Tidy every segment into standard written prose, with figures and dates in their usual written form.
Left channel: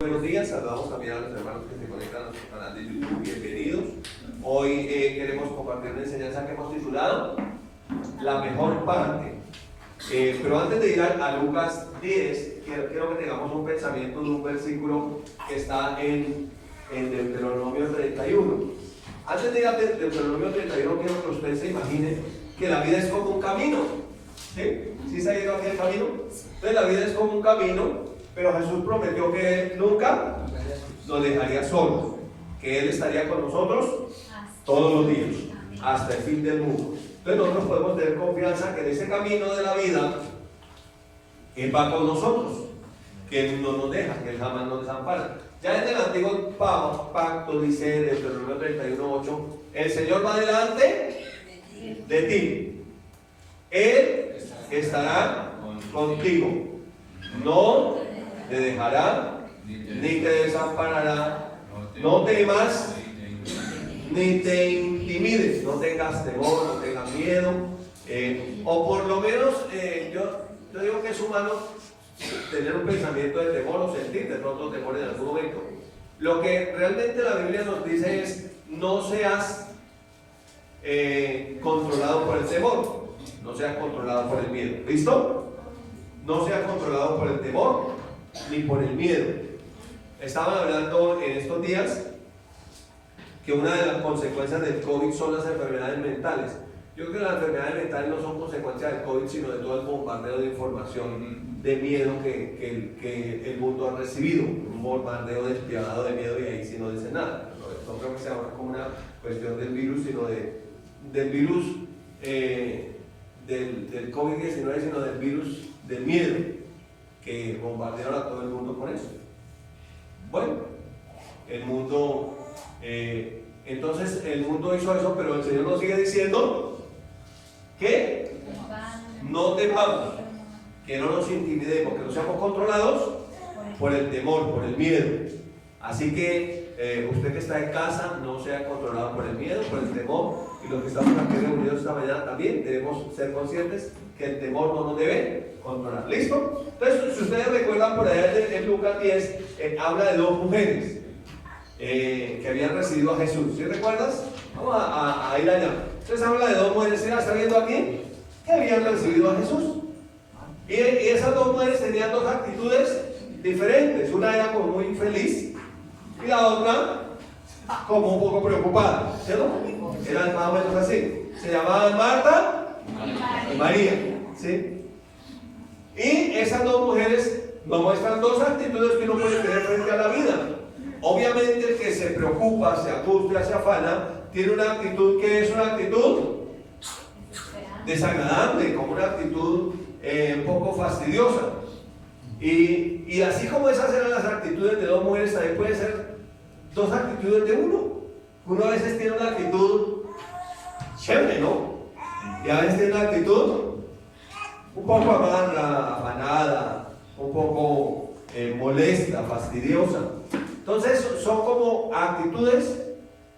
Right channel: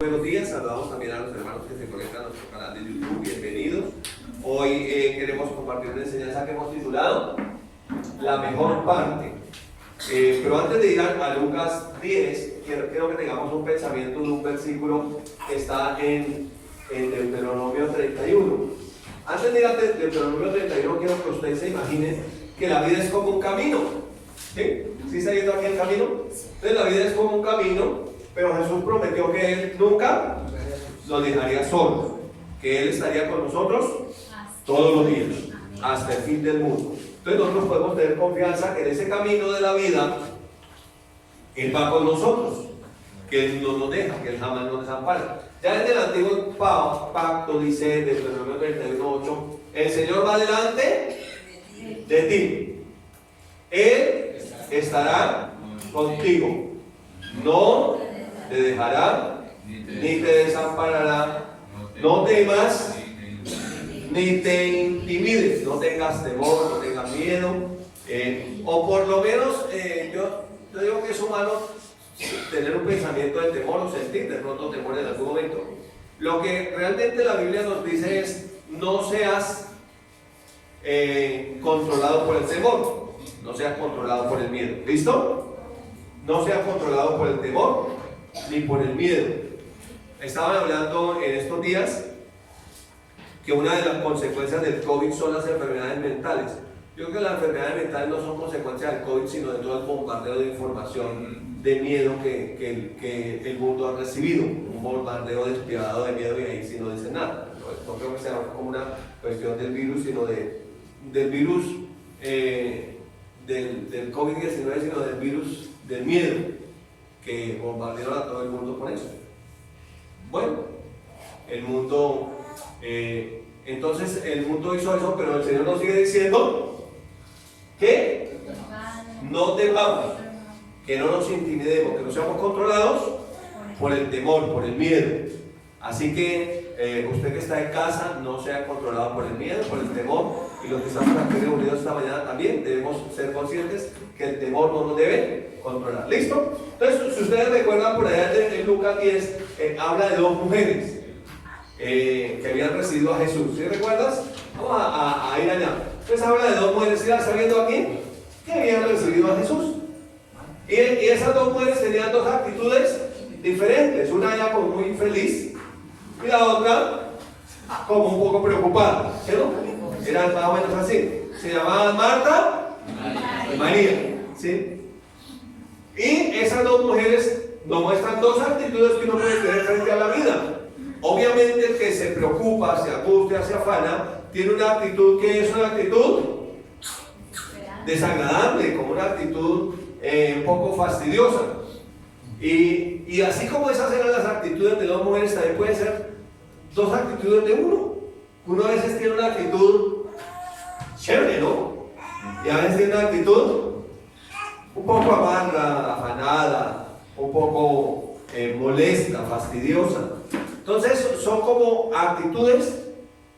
Buenos días, saludamos también a los hermanos que se conectan a nuestro canal de YouTube, bienvenidos. Hoy queremos compartir una enseñanza que hemos titulado La mejor parte. Pero antes de ir a Lucas 10, quiero que tengamos un pensamiento de un versículo que está en Deuteronomio 31. Antes de ir a Deuteronomio 31, quiero que usted se imagine que la vida es como un camino. ¿Sí? ¿Sí se ha ido aquí el camino? Entonces la vida es como un camino. Pero Jesús prometió que Él nunca nos dejaría solos, que Él estaría con nosotros todos los días, hasta el fin del mundo. Entonces nosotros podemos tener confianza que en ese camino de la vida, Él va con nosotros, que Él no nos deja, que Él jamás nos desampara. Ya en el antiguo pacto dice, desde el número 31:8, el Señor va delante de ti, Él estará contigo, no te dejará, ni te desamparará. No temas, ni te intimides, no tengas temor, no tengas miedo, o por lo menos, yo digo que es humano tener un pensamiento de temor o sentir de pronto temor en algún momento. Lo que realmente la Biblia nos dice es: no seas controlado por el temor, no seas controlado por el miedo. ¿Listo? No seas controlado por el temor ni por el miedo. Estaban hablando en estos días que una de las consecuencias del COVID son las enfermedades mentales. Yo creo que las enfermedades mentales no son consecuencias del COVID, sino de todo el bombardeo de información, de miedo que el mundo ha recibido. Un bombardeo despiadado de miedo, y ahí sí no dice nada. No creo que sea como una cuestión del virus, sino del virus del COVID-19, sino del virus del miedo, que bombardearon a todo el mundo con eso. Bueno, el mundo, entonces el mundo hizo eso, pero el Señor nos sigue diciendo que no temamos, que no nos intimidemos, que no seamos controlados por el temor, por el miedo. Así que usted que está en casa, no sea controlado por el miedo, por el temor, y los que estamos aquí reunidos esta mañana también debemos ser conscientes que el temor no nos debe controlar. ¿Listo? Entonces, si ustedes recuerdan, por allá en Lucas 10 habla de dos mujeres que habían recibido a Jesús. ¿Sí recuerdas? Vamos a ir allá. Entonces habla de dos mujeres, ¿sí la está viendo aquí? Que habían recibido a Jesús. Y esas dos mujeres tenían dos actitudes diferentes. Una era como muy feliz y la otra como un poco preocupada. ¿Cierto? Eran más o menos así. Se llamaban Marta y María. ¿Sí? Y esas dos mujeres nos muestran dos actitudes que uno puede tener frente a la vida. Obviamente el que se preocupa, se angustia, se afana, tiene una actitud que es una actitud desagradable, como una actitud un poco fastidiosa. Y así como esas eran las actitudes de dos mujeres, también pueden ser dos actitudes de uno. Uno a veces tiene una actitud chévere, ¿no? Y a veces tiene una actitud un poco amarga, afanada, un poco molesta, fastidiosa. Entonces son como actitudes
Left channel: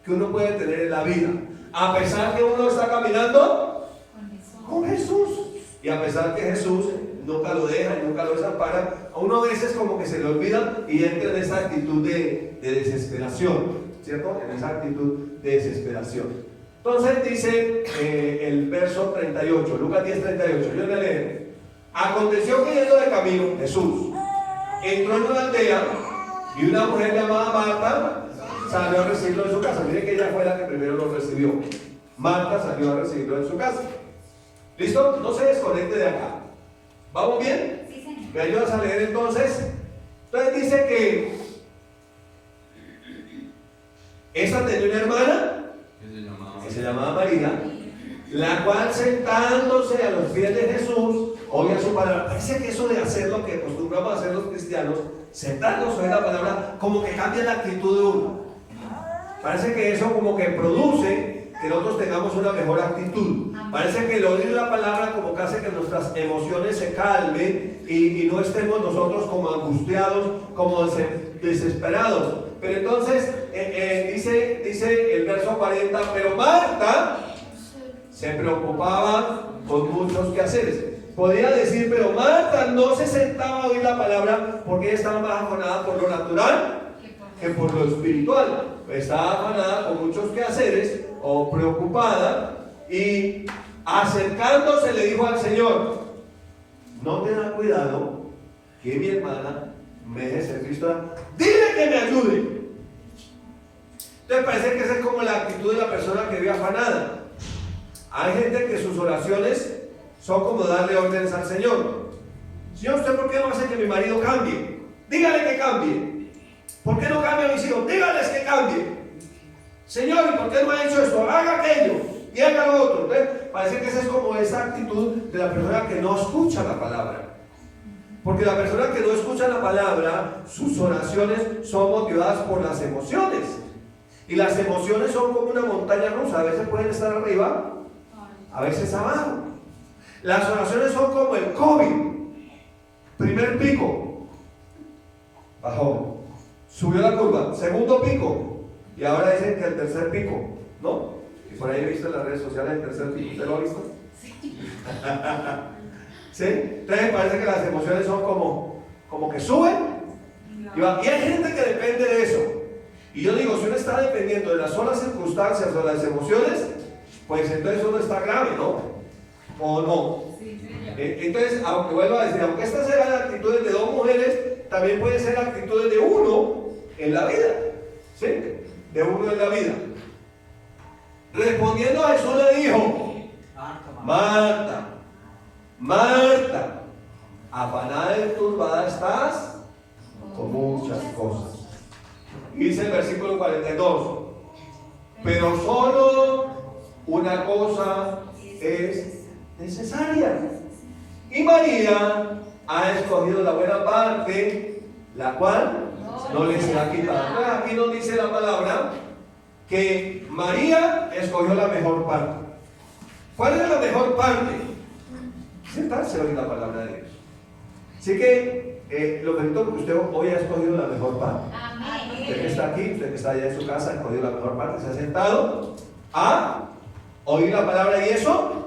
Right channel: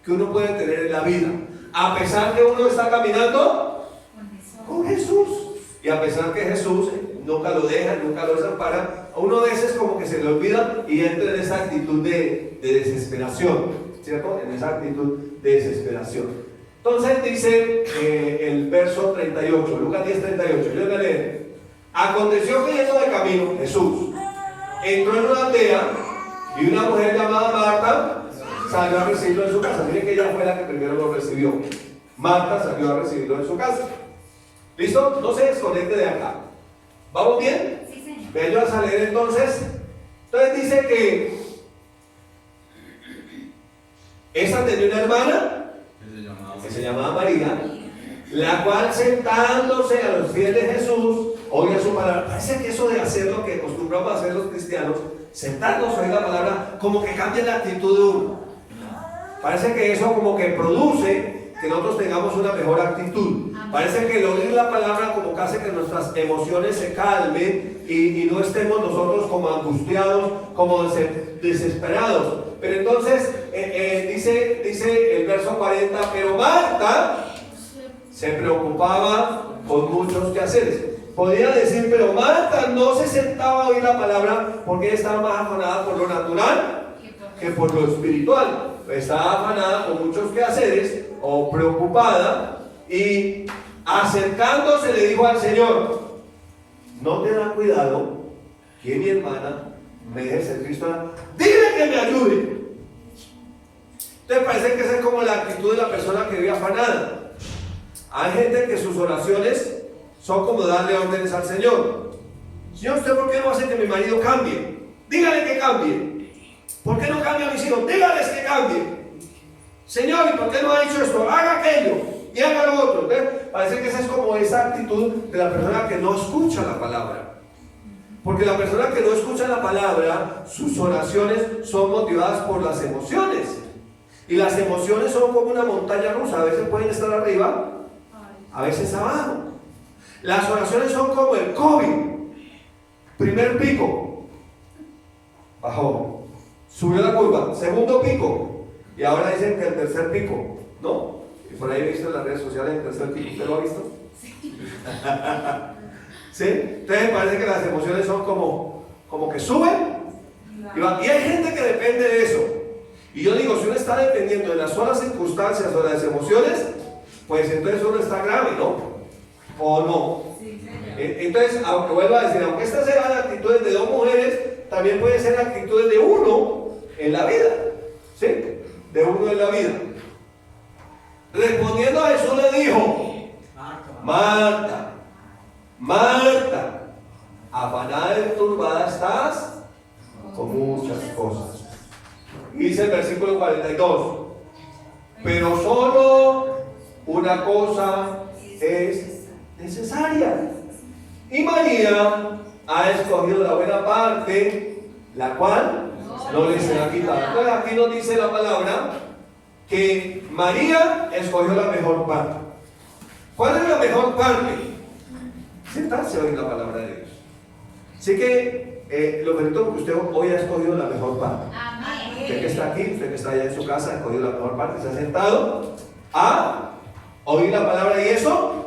que uno puede tener en la vida, a pesar que uno está caminando con Jesús, y a pesar que Jesús nunca lo deja, nunca lo desampara. A uno a veces como que se le olvida y entra en esa actitud de desesperación, ¿cierto? En esa actitud de desesperación. Entonces dice el verso 38, Lucas 10:38, yo voy a leer. Aconteció que yendo de camino, Jesús entró en una aldea y una mujer llamada Marta salió a recibirlo en su casa. Miren que ella fue la que primero lo recibió. Marta salió a recibirlo en su casa. ¿Listo? No se desconecte de acá. ¿Vamos bien? Sí, señor. Me ayudas a leer entonces. Entonces dice que esa tenía una hermana que se llamaba María, la cual sentándose a los pies de Jesús oía su palabra. Parece que eso de hacer lo que acostumbramos a hacer los cristianos, sentarnos a oír la palabra, como que cambia la actitud de uno. Parece que eso como que produce que nosotros tengamos una mejor actitud. Parece que el oír la palabra como que hace que nuestras emociones se calmen y no estemos nosotros como angustiados, como desesperados. Pero entonces dice el verso 40, pero Marta se preocupaba con muchos quehaceres. podía decir, pero Marta no se sentaba a oír la palabra porque ella estaba más afanada por lo natural que por lo espiritual. Estaba afanada con muchos quehaceres o preocupada, y acercándose le dijo al Señor: no tenga cuidado que mi hermana me deje ser Cristo, dile que me ayude. Entonces parece que esa es como la actitud de la persona que vive afanada. Hay gente que sus oraciones son como darle órdenes al Señor. Señor, ¿usted por qué no hace que mi marido cambie? Dígale que cambie. ¿Por qué no cambia a mis hijos? Dígales que cambie. Señor, ¿y por qué no ha hecho esto? Haga aquello y haga lo otro. Entonces, parece que esa es como esa actitud de la persona que no escucha la palabra. Porque la persona que no escucha la palabra, sus oraciones son motivadas por las emociones. Y las emociones son como una montaña rusa. A veces pueden estar arriba, a veces abajo. Las oraciones son como el COVID. Primer pico, bajó, subió la curva. Segundo pico, y ahora dicen que el tercer pico, ¿no? Y por ahí he visto en las redes sociales el tercer pico. ¿Usted lo ha visto? Sí. ¿Sí? Entonces parece que las emociones son como que suben y van. Y hay gente que depende de eso. Y yo digo, si uno está dependiendo de las solas circunstancias o de las emociones, pues entonces uno está grave, ¿no? ¿O no? Sí, entonces, aunque vuelvo a decir, aunque estas sean actitudes de dos mujeres, también pueden ser actitudes de uno en la vida. ¿Sí? De uno en la vida. Respondiendo a Jesús le dijo: Marta, Marta, afanada y turbada estás con muchas cosas. Y dice el versículo 42: pero solo una cosa es necesaria, y María ha escogido la buena parte, la cual no le será quitada. Entonces aquí nos dice la palabra que María escogió la mejor parte. ¿Cuál es la mejor parte? Sentarse a oír la palabra de Dios. Así que lo felicito porque usted hoy ha escogido la mejor parte. Amén. Usted que está aquí, usted que está allá en su casa, ha escogido la mejor parte, se ha sentado a oír la palabra, y eso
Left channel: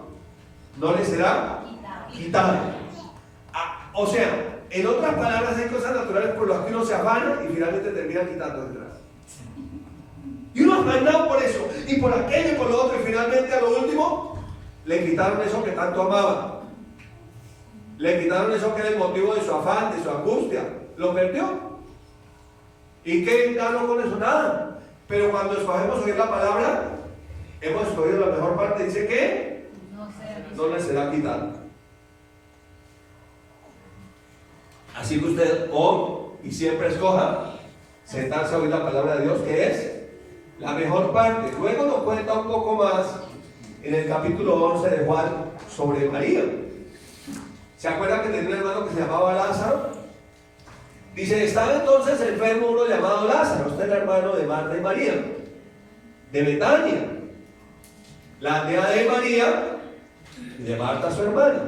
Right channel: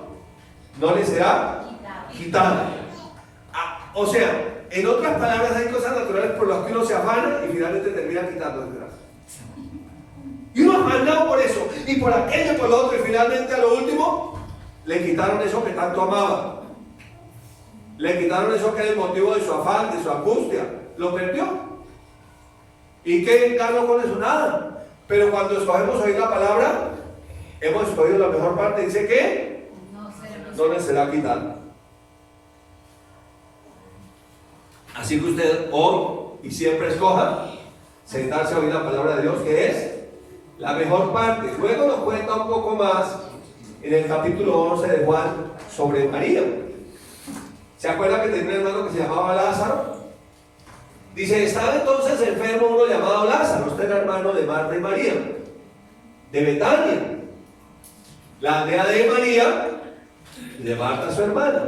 no le será quitado. O sea, en otras palabras, hay cosas naturales por las que uno se afana y finalmente termina quitando detrás. Y uno afanado por eso, y por aquello, y por lo otro, y finalmente a lo último le quitaron eso que tanto amaba. Le quitaron eso que era el motivo de su afán, de su angustia. Lo perdió. ¿Y qué ganó con eso? Nada. Pero cuando escogemos oír la palabra, hemos escogido la mejor parte. Dice que no le será quitado. Así que usted hoy y siempre escoja sentarse a oír la palabra de Dios, que es la mejor parte. Luego nos cuenta un poco más en el capítulo 11 de Juan sobre María. ¿Se acuerdan que tenía un hermano que se llamaba Lázaro? Dice: estaba entonces enfermo uno llamado Lázaro. Este era hermano de Marta y María, de Betania, la aldea de María y de Marta su hermana.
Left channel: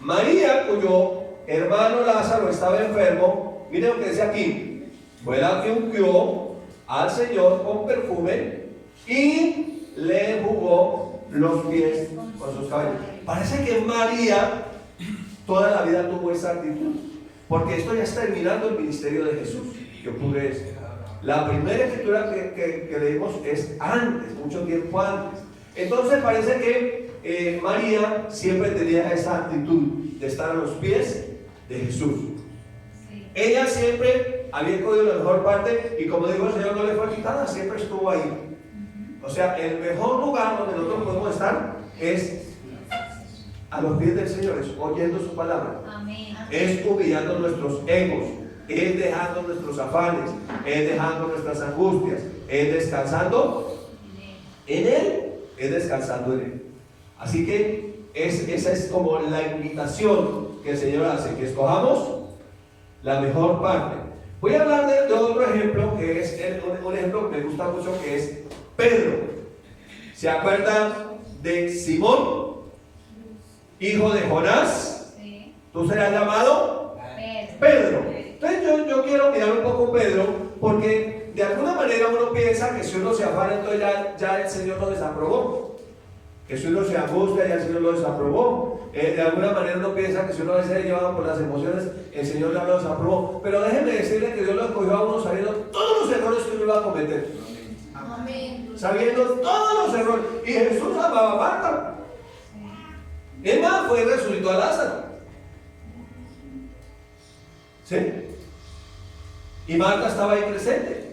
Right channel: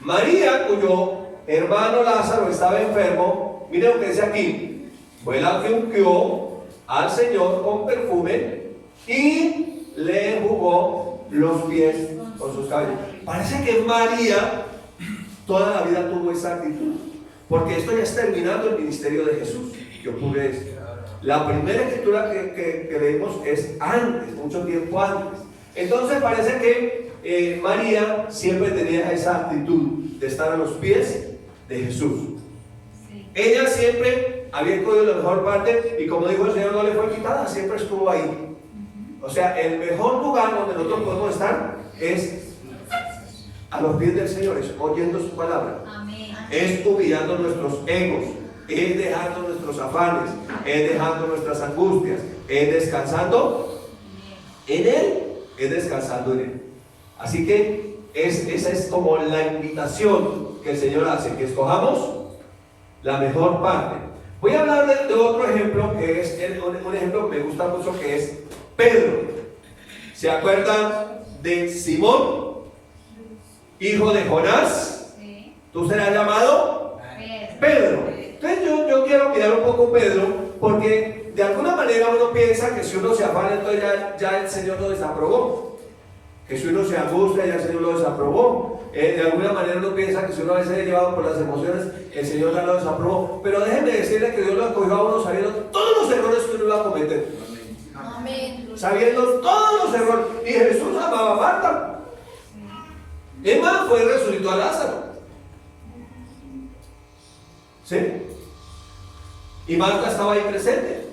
María, cuyo hermano Lázaro estaba enfermo, miren lo que dice aquí: fue la que ungió al Señor con perfume y le enjugó los pies con sus cabellos. Parece que María toda la vida tuvo esa actitud, porque esto ya está terminando el ministerio de Jesús. ¿Qué ocurre esto? La primera escritura que leímos es antes, mucho tiempo antes. Entonces parece que María siempre tenía esa actitud de estar a los pies de Jesús. Sí. Ella siempre había escogido la mejor parte, y como dijo el Señor, no le fue quitada, siempre estuvo ahí. O sea, el mejor lugar donde nosotros podemos estar es a los pies del Señor, es oyendo su palabra. Amén. Es humillando nuestros egos, es dejando nuestros afanes, es dejando nuestras angustias, es descansando en Él, es descansando en Él. Así que esa es como la invitación que el Señor hace, que escojamos la mejor parte. Voy a hablar de otro ejemplo, que es un ejemplo que me gusta mucho, que es Pedro. ¿Se acuerdan de Simón, hijo de Jonás? Sí. ¿Tú serás llamado? Pedro. Entonces yo quiero mirar un poco Pedro, porque de alguna manera uno piensa que si uno se afana, entonces ya el Señor lo desaprobó. que si uno se angustia ya el Señor lo desaprobó. De alguna manera uno piensa que si uno a veces es llevado por las emociones, el Señor ya lo desaprobó. Pero déjenme decirle que Dios lo escogió a uno sabiendo todos los errores que uno iba a cometer. Amén. Sabiendo todos los errores. Y Jesús amaba a Marta. Y es más, fue y resucitó a Lázaro. ¿Sí? Y Marta estaba ahí presente.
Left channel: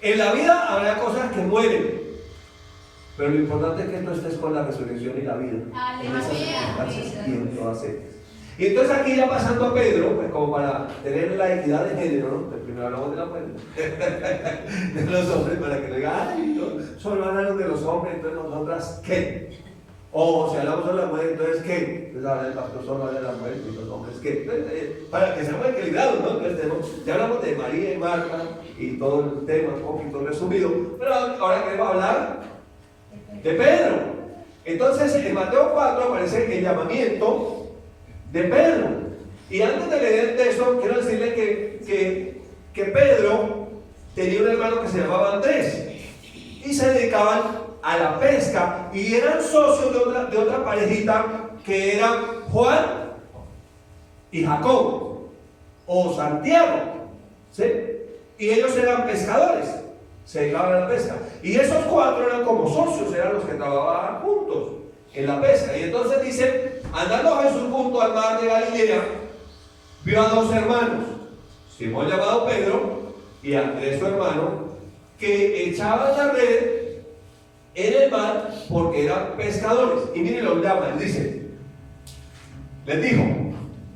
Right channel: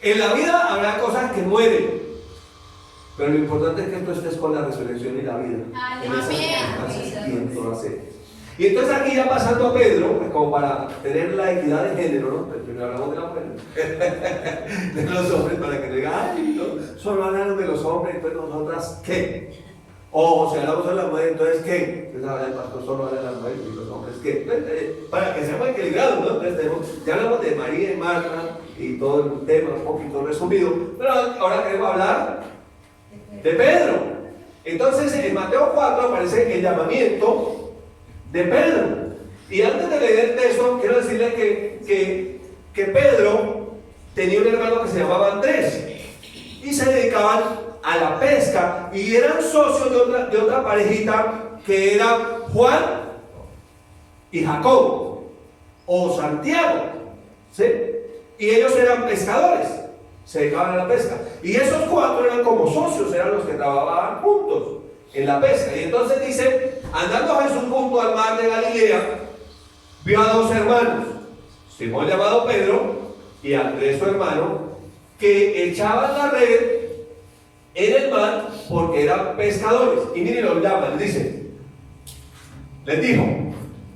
En la vida habrá cosas que mueren, pero lo importante es que tú estés con la resurrección y la vida. En esas circunstancias y en todas ellas. Y entonces aquí ya pasando a Pedro, pues como para tener la equidad de género, ¿no? Pues primero hablamos de la mujer, de los hombres, para que no digan, ay, no, solo hablaron de los hombres, entonces nosotras, ¿qué? O si hablamos de la mujer, entonces ¿qué? Entonces habla el pastor, solo habla de la mujer y los hombres, ¿qué? Entonces, para que seamos equilibrados, ¿no? Entonces ya hablamos de María y Marta y todo el tema un poquito resumido, pero ahora queremos hablar de Pedro. Entonces en Mateo 4 aparece el llamamiento de Pedro. Y antes de leer el texto, quiero decirle que Pedro tenía un hermano que se llamaba Andrés y se dedicaban a la pesca y eran socios de otra parejita que eran Juan y Jacob o Santiago, ¿sí? Y ellos eran pescadores, se dedicaban a la pesca. Y esos cuatro eran como socios, eran los que trabajaban juntos en la pesca. Y entonces dice, andando Jesús junto al mar de Galilea, vio a dos hermanos, Simón llamado Pedro y Andrés su hermano, que echaban la red en el mar porque eran pescadores. Y miren, los llaman, les dijo,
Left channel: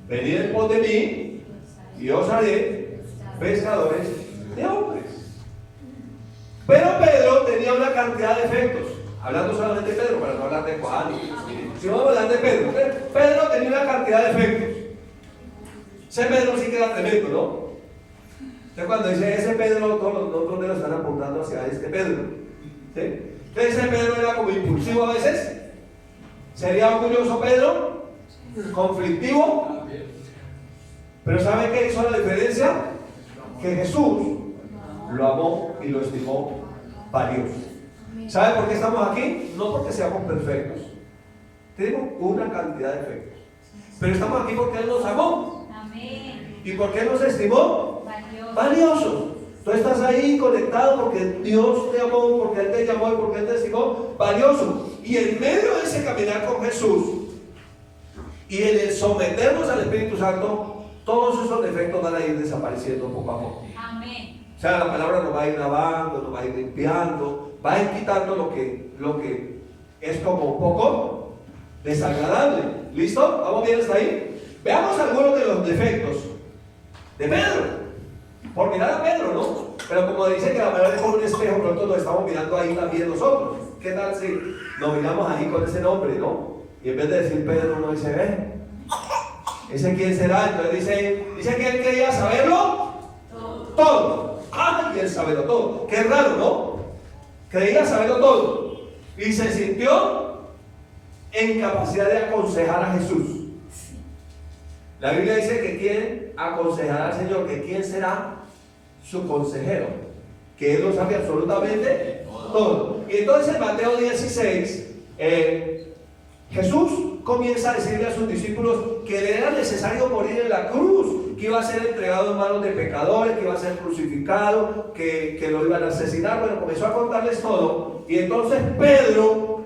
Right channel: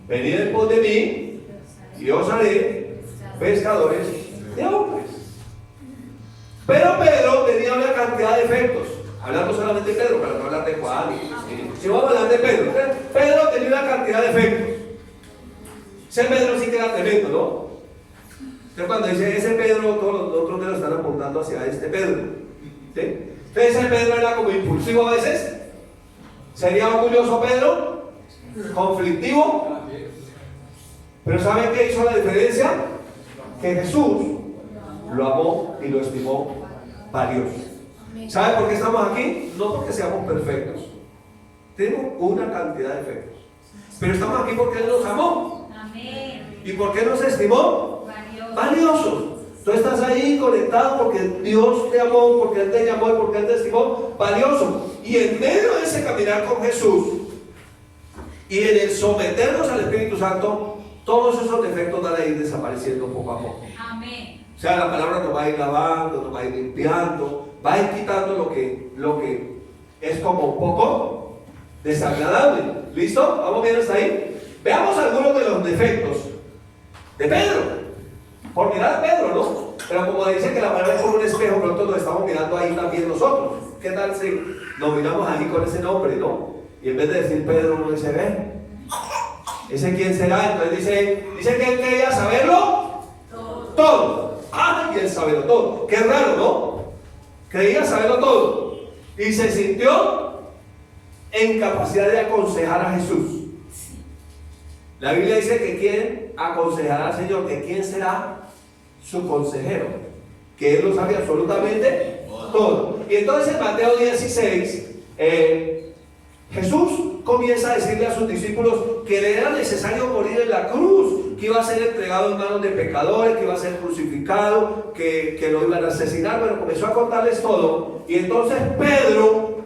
venid en pos de mí y os haré pescadores de hombres. Pero Pedro tenía una cantidad de efectos. Hablando solamente de Pedro, para no hablar de Juan. Si vamos a hablar de Pedro, Pedro tenía una cantidad de efectos. Ese Pedro sí que era tremendo, ¿no? Entonces cuando dice ese Pedro, todos los otros dedos están apuntando hacia este Pedro, ¿sí? Entonces ese Pedro era como impulsivo a veces. ¿Sería orgulloso Pedro? ¿Conflictivo? Pero ¿saben qué hizo la diferencia? Que Jesús lo amó y lo estimó valioso. ¿Saben por qué estamos aquí? No porque seamos perfectos. Tenemos una cantidad de efectos. Pero estamos aquí porque Él nos amó. Amén. ¿Y por qué nos estimó? Valiosos. Tú estás ahí conectado porque Dios te amó, porque Él te llamó y porque Él te estimó valioso. Y en medio de ese caminar con Jesús y en el someternos al Espíritu Santo, todos esos defectos van a ir desapareciendo poco a poco. Amén. O sea, la palabra nos va a ir lavando, nos va a ir limpiando, va a ir quitando lo que es como un poco desagradable. ¿Listo? ¿Vamos bien hasta ahí? Veamos algunos de los defectos de Pedro. Por mirar a Pedro, ¿no? Pero como dice que la palabra es como un espejo, nosotros lo estamos mirando ahí también nosotros. ¿Qué tal si nos miramos ahí con ese nombre, ¿no? Y en vez de decir Pedro, uno dice, ¿ese quién será? Entonces dice que él quería saberlo todo. Y él saberlo todo. Qué raro, ¿no? Creía saberlo todo. Y se sintió en capacidad de aconsejar a Jesús. La Biblia dice que quien aconsejará al Señor, que quién será su consejero, que Él lo sabe absolutamente todo. Y entonces en Mateo 16, Jesús comienza a decirle a sus discípulos que le era necesario morir en la cruz, que iba a ser entregado en manos de pecadores, que iba a ser crucificado, que lo iban a asesinar. Bueno, comenzó a contarles todo. Y entonces Pedro,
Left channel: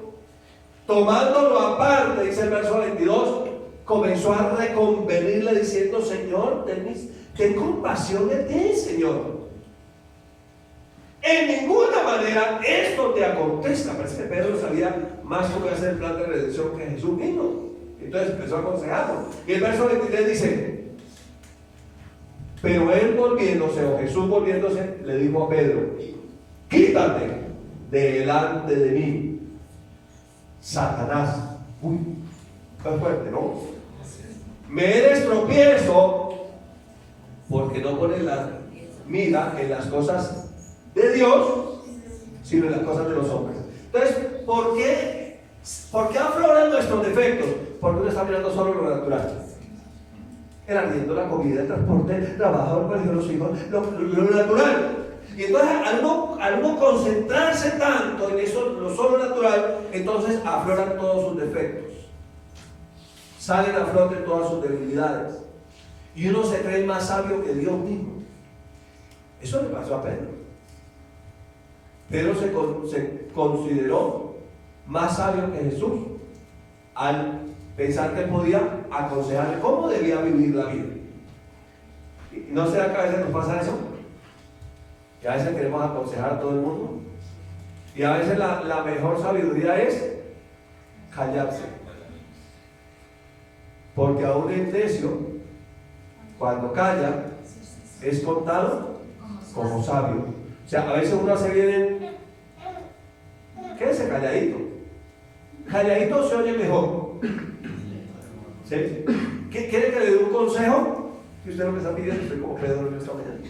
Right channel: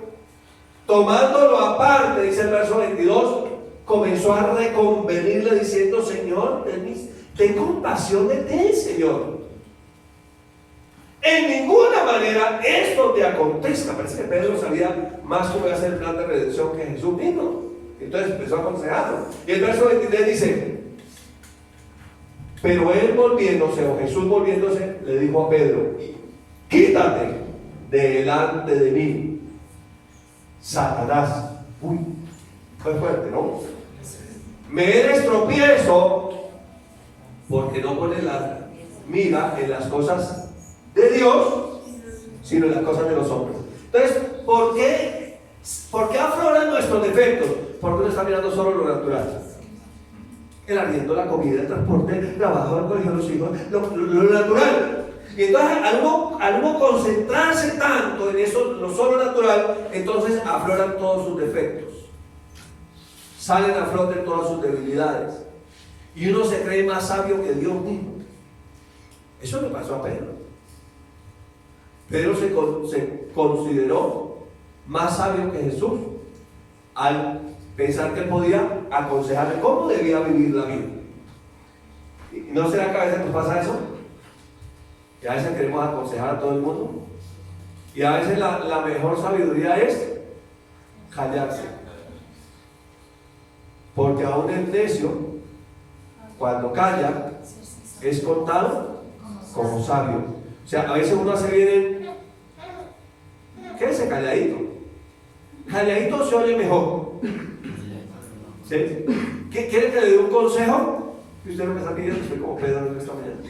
tomándolo aparte, dice el verso 22, comenzó a reconvenirle diciendo, Señor, ten compasión de ti, Señor. En ninguna manera esto te acontezca. Parece que Pedro sabía más cómo iba a ser el plan de redención que Jesús mismo. Entonces empezó a aconsejarlo. Y el verso 23 dice, pero él volviéndose, o Jesús volviéndose, le dijo a Pedro, quítate delante de mí, Satanás. Uy, fue fuerte, ¿no? Me eres tropiezo porque no pones la mira en las cosas de Dios, sino en las cosas de los hombres. Entonces, ¿por qué afloran nuestros defectos? Porque uno está mirando solo lo natural. El arriendo, la comida, el transporte, el trabajo, el colegio, los hijos, lo natural. Y entonces al uno concentrarse tanto en eso, lo sobrenatural, entonces afloran todos sus defectos. Salen a flote todas sus debilidades. Y uno se cree más sabio que Dios mismo. Eso le pasó a Pedro. Pedro se consideró más sabio que Jesús al pensar que él podía aconsejarle cómo debía vivir la vida. ¿No será que a veces nos pasa eso? Y a veces queremos aconsejar a todo el mundo. Y a veces la mejor sabiduría es callarse. Porque aún el necio, cuando calla, es contado como sabio. O sea, a veces uno se viene, quédese calladito. Calladito se oye mejor. ¿Sí? ¿Quiere que le dé un consejo? Que usted no me está pidiendo, estoy como Pedro en esta mañana.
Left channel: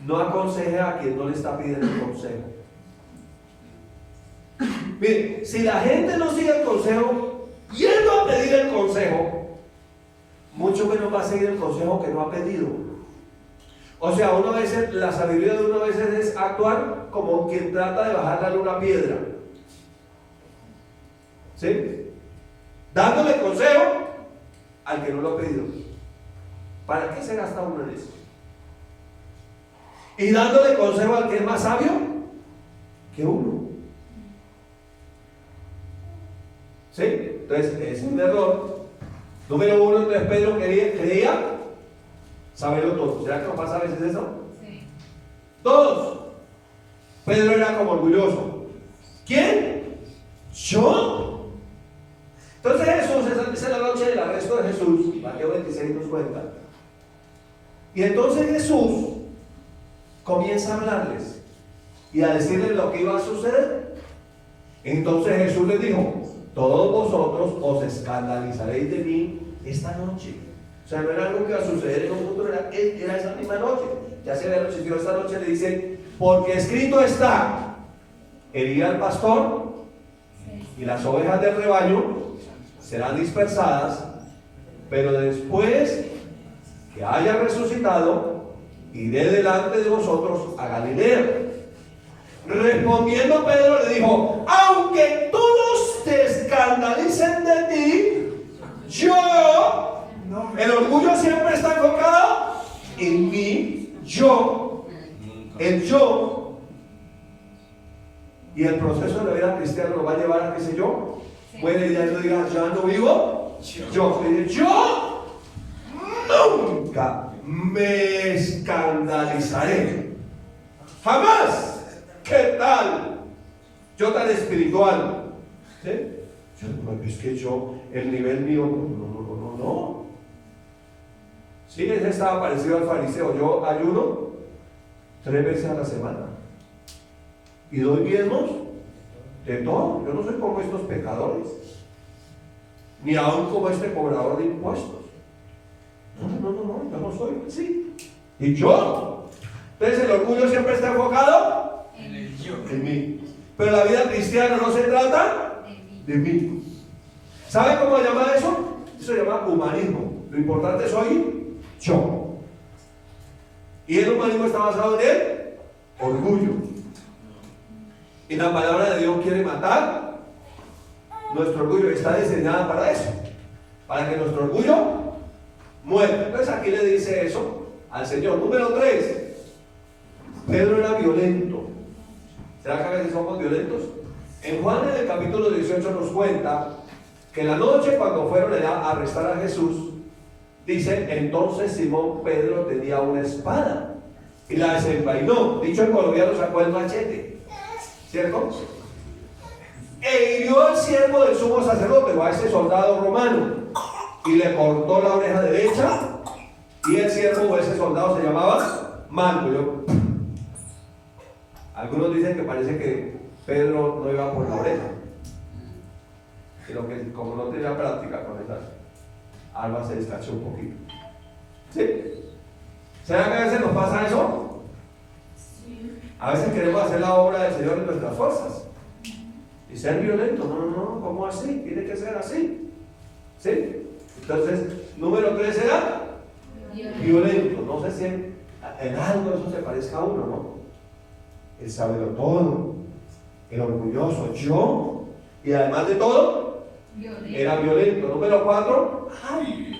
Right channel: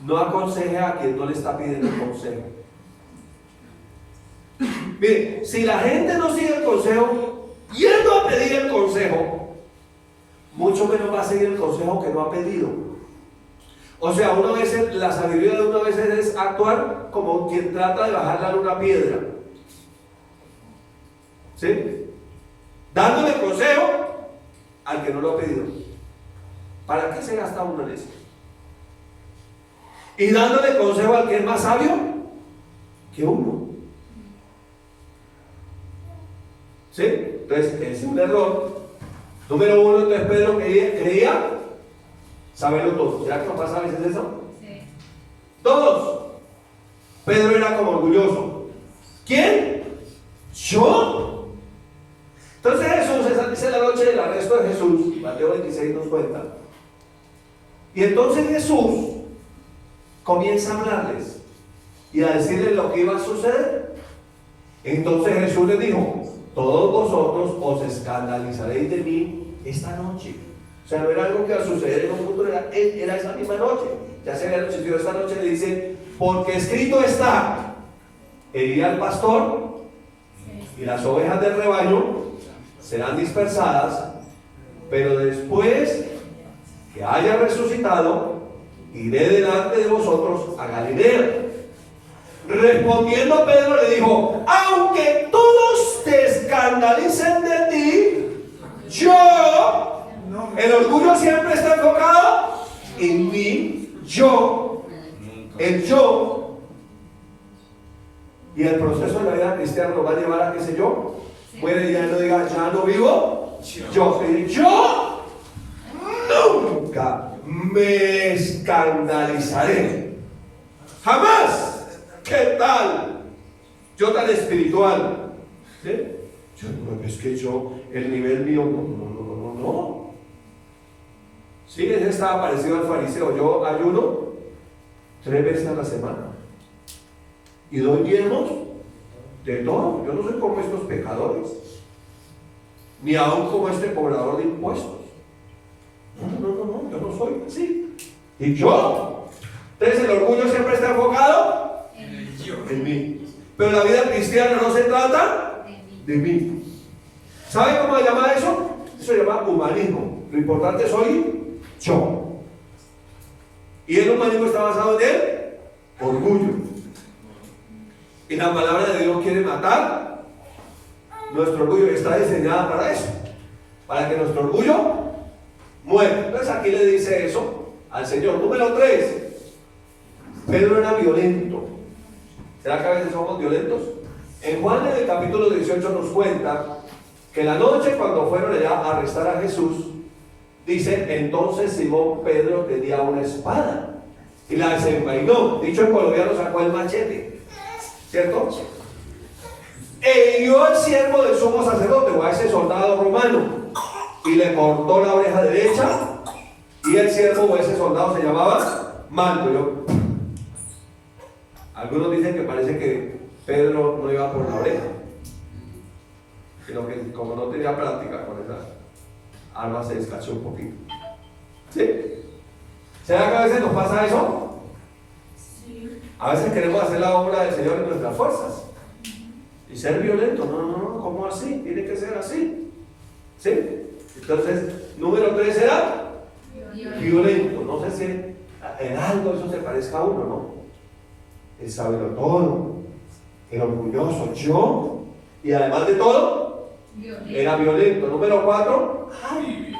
No aconseje a quien no le está pidiendo un consejo. Mire, si la gente no sigue el consejo, yendo a pedir el consejo, mucho menos va a seguir el consejo que no ha pedido. O sea, una vez la sabiduría de una vez es actuar como quien trata de bajarle una piedra. ¿Sí? Dándole consejo al que no lo ha pedido. ¿Para qué se gasta uno en eso? Y dándole consejo al que es más sabio que uno. ¿Sí? Entonces, es un error. Número uno, entonces Pedro creía saberlo todo. ¿Será que nos pasa a veces eso? Sí. Dos, Pedro era como orgulloso. ¿Quién? ¿Yo? Entonces Jesús, esa es la noche del arresto de Jesús, Mateo 26 nos cuenta. Y entonces Jesús comienza a hablarles y a decirles lo que iba a suceder. Entonces Jesús les dijo: todos vosotros os escandalizaréis de mí esta noche. O sea, no era algo que iba a suceder en un futuro, era esa misma noche. Ya se había anochecido esta noche, le dice: porque escrito está, herirá al pastor y las ovejas del rebaño serán dispersadas, pero después que haya resucitado, iré delante de vosotros a Galilea. Respondiendo Pedro le dijo: aunque todos te escandalicen de ti, yo, el orgullo siempre está enfocado en mí, yo, el yo. Y el proceso de la vida cristiana nos va a llevar a, qué sé yo, puede ya no diga, ya no vivo yo, yo nunca me escandalizaré, jamás. ¿Qué tal? Yo tan espiritual, ¿sí? Es que yo, el nivel mío, no. Sí, ese estaba parecido al fariseo. Yo ayuno 3 veces a la semana y doy diezmos de todo. Yo no soy como estos pecadores, ni aún como este cobrador de impuestos. No, yo no soy así. ¿Y yo? Entonces el orgullo siempre está enfocado en mí. Pero la vida cristiana no se trata de mí. ¿Sabe cómo se llama eso? Eso se llama humanismo. Lo importante soy yo. Y el humanismo está basado en el orgullo. Y la palabra de Dios quiere matar nuestro orgullo. Está diseñada para eso, para que nuestro orgullo muera. Entonces aquí le dice eso al Señor. Número 3, Pedro era violento. ¿Será que a veces somos violentos? En Juan, en el capítulo 18, nos cuenta que la noche cuando fueron allá a arrestar a Jesús, dice: entonces Simón Pedro tenía una espada y la desenvainó. Dicho en colombiano, sacó el machete, ¿cierto? E hirió al siervo del sumo sacerdote, o a ese soldado romano, y le cortó la oreja derecha. Y el siervo o ese soldado se llamaba Malco. Algunos dicen que parece que Pedro no iba por la oreja, sino que como no tenía práctica con esa arma, se descachó un poquito. ¿Sí? ¿Será que a veces nos pasa eso? Sí. A veces queremos hacer la obra del Señor en nuestras fuerzas y ser violentos. No, ¿cómo así? Tiene que ser así. ¿Sí? Entonces, número 3 era violento. No sé si en algo eso se parezca a uno, ¿no? El saberlo todo, el orgulloso, yo, y además de todo, era violento. Número 4,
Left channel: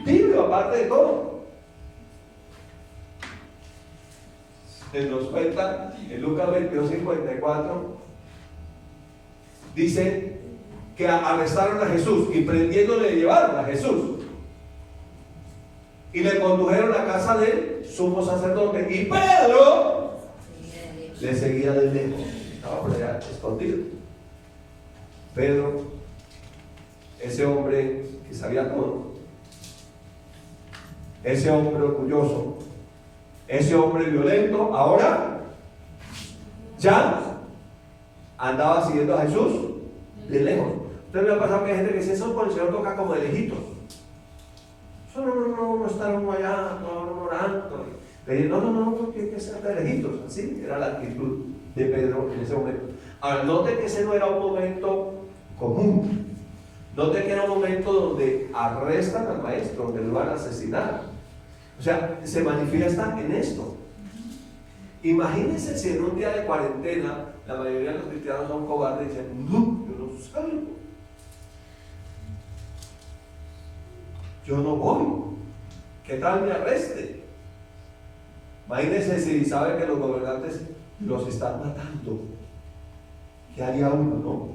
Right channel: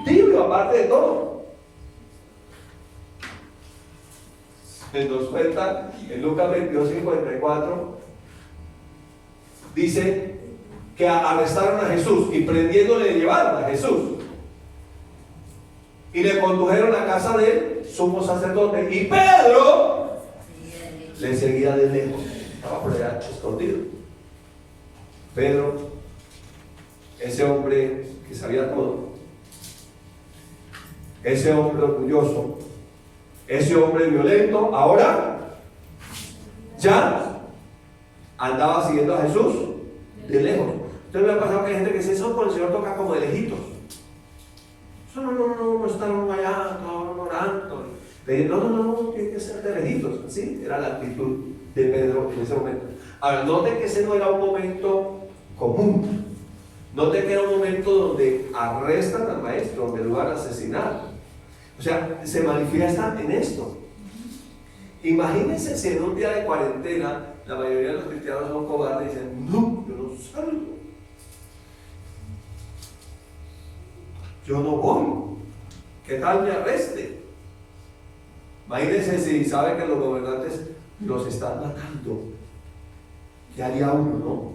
tibio, aparte de todo. Nos cuenta en Lucas 22:54, dice que arrestaron a Jesús y prendiéndole le llevaron a Jesús y le condujeron a casa del sumo sacerdote, y Pedro le seguía de lejos, estaba por allá escondido. Pedro, ese hombre que sabía todo, ese hombre orgulloso, ese hombre violento, ahora ya andaba siguiendo a Jesús de lejos. Entonces me ha pasado que hay gente que dice, eso con el Señor toca como de lejitos. Eso no están uno allá, no orando. No, tiene que ser de lejitos. Así era la actitud de Pedro en ese momento. Ahora, note que ese no era un momento común. Note que era un momento donde arrestan al maestro, donde lo van a asesinar. O sea, se manifiesta en esto. Imagínense si en un día de cuarentena la mayoría de los cristianos son cobardes y dicen, no, yo no salgo. Yo no voy. ¿Qué tal me arreste? Imagínense si saben que los gobernantes los están matando. ¿Qué haría uno, no?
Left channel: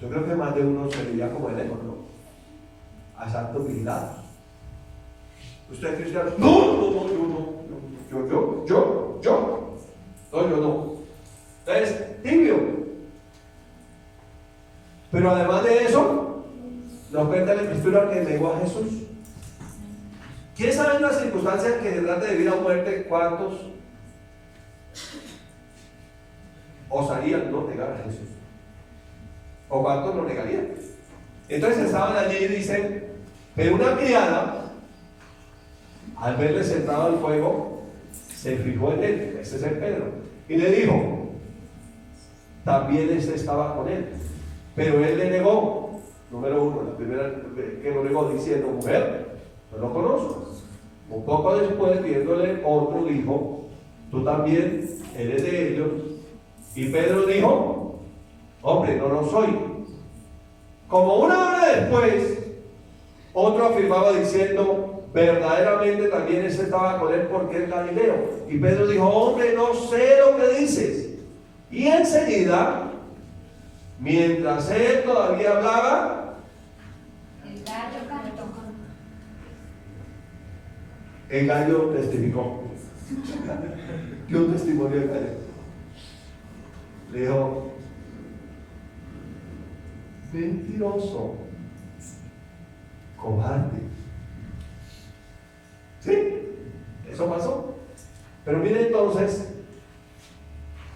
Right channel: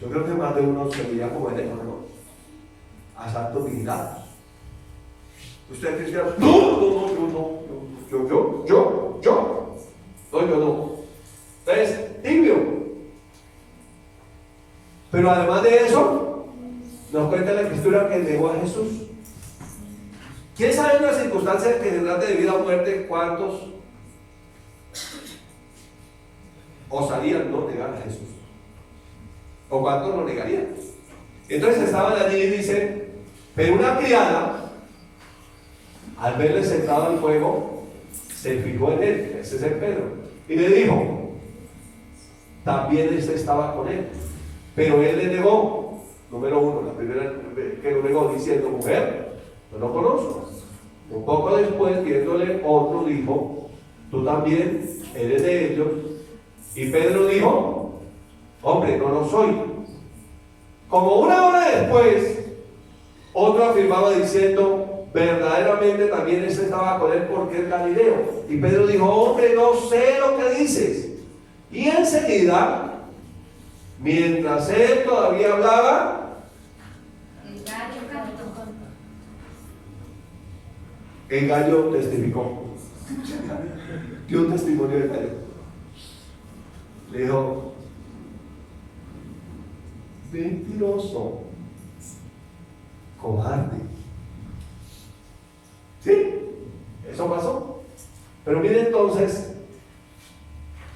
Yo creo que más de uno se diría como el teléfono, ¿no? Asaltos vigilados. ¿Usted es cristiano? No, yo no. Es tibio. Pero además de eso, nos cuenta la Escritura que negó a Jesús. ¿Quién sabe una circunstancia que se trata de vida o muerte? ¿Cuántos osarían no negar a Jesús? ¿O cuántos lo negarían? Entonces estaban allí y dicen, pero una criada, al verle sentado al fuego, se fijó en él, ese es el Pedro, y le dijo, también este estaba con él, pero él le negó. Número 1, la primera que lo negó, diciendo, mujer, no lo conozco. Un poco después, viéndole otro, dijo, tú también eres de ellos. Y Pedro dijo, hombre, no lo soy. Como una hora después, otro afirmaba diciendo, verdaderamente también ese estaba con él porque es Galileo. Y Pedro dijo, hombre, no sé lo que dices. Y enseguida, mientras él todavía hablaba, el gallo testificó. Dio un testimonio de gallo. Le dijo, mentiroso, cobarde. Sí, eso pasó. Pero mire entonces,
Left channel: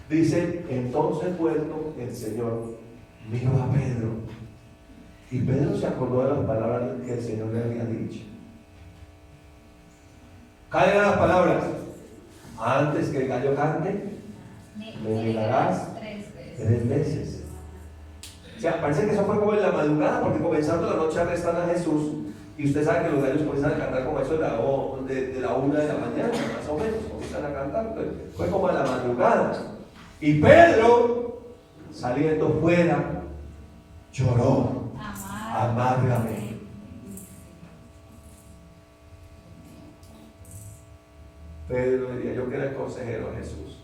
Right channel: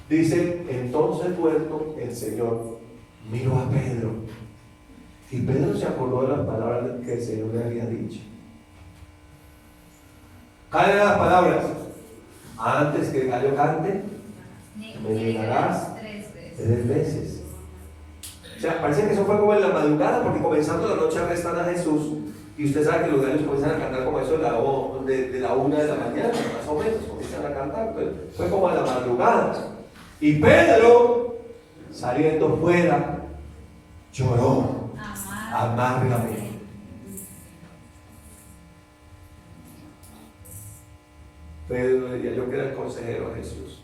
dice, entonces vuelto el Señor miró a Pedro. Y Pedro se acordó de las palabras que el Señor le había dicho. ¿Cuáles eran las palabras? Antes que el gallo cante, me negarás 3 veces. O sea, parece que eso fue como en la madrugada, porque comenzando la noche arrestan a Jesús, y usted sabe que los gallos comienzan a cantar como eso de la 1 de la mañana, más o menos, comienzan a cantar, pero fue como a la madrugada. Y Pedro, saliendo fuera, lloró amargamente. Pedro diría, yo que era el consejero de Jesús.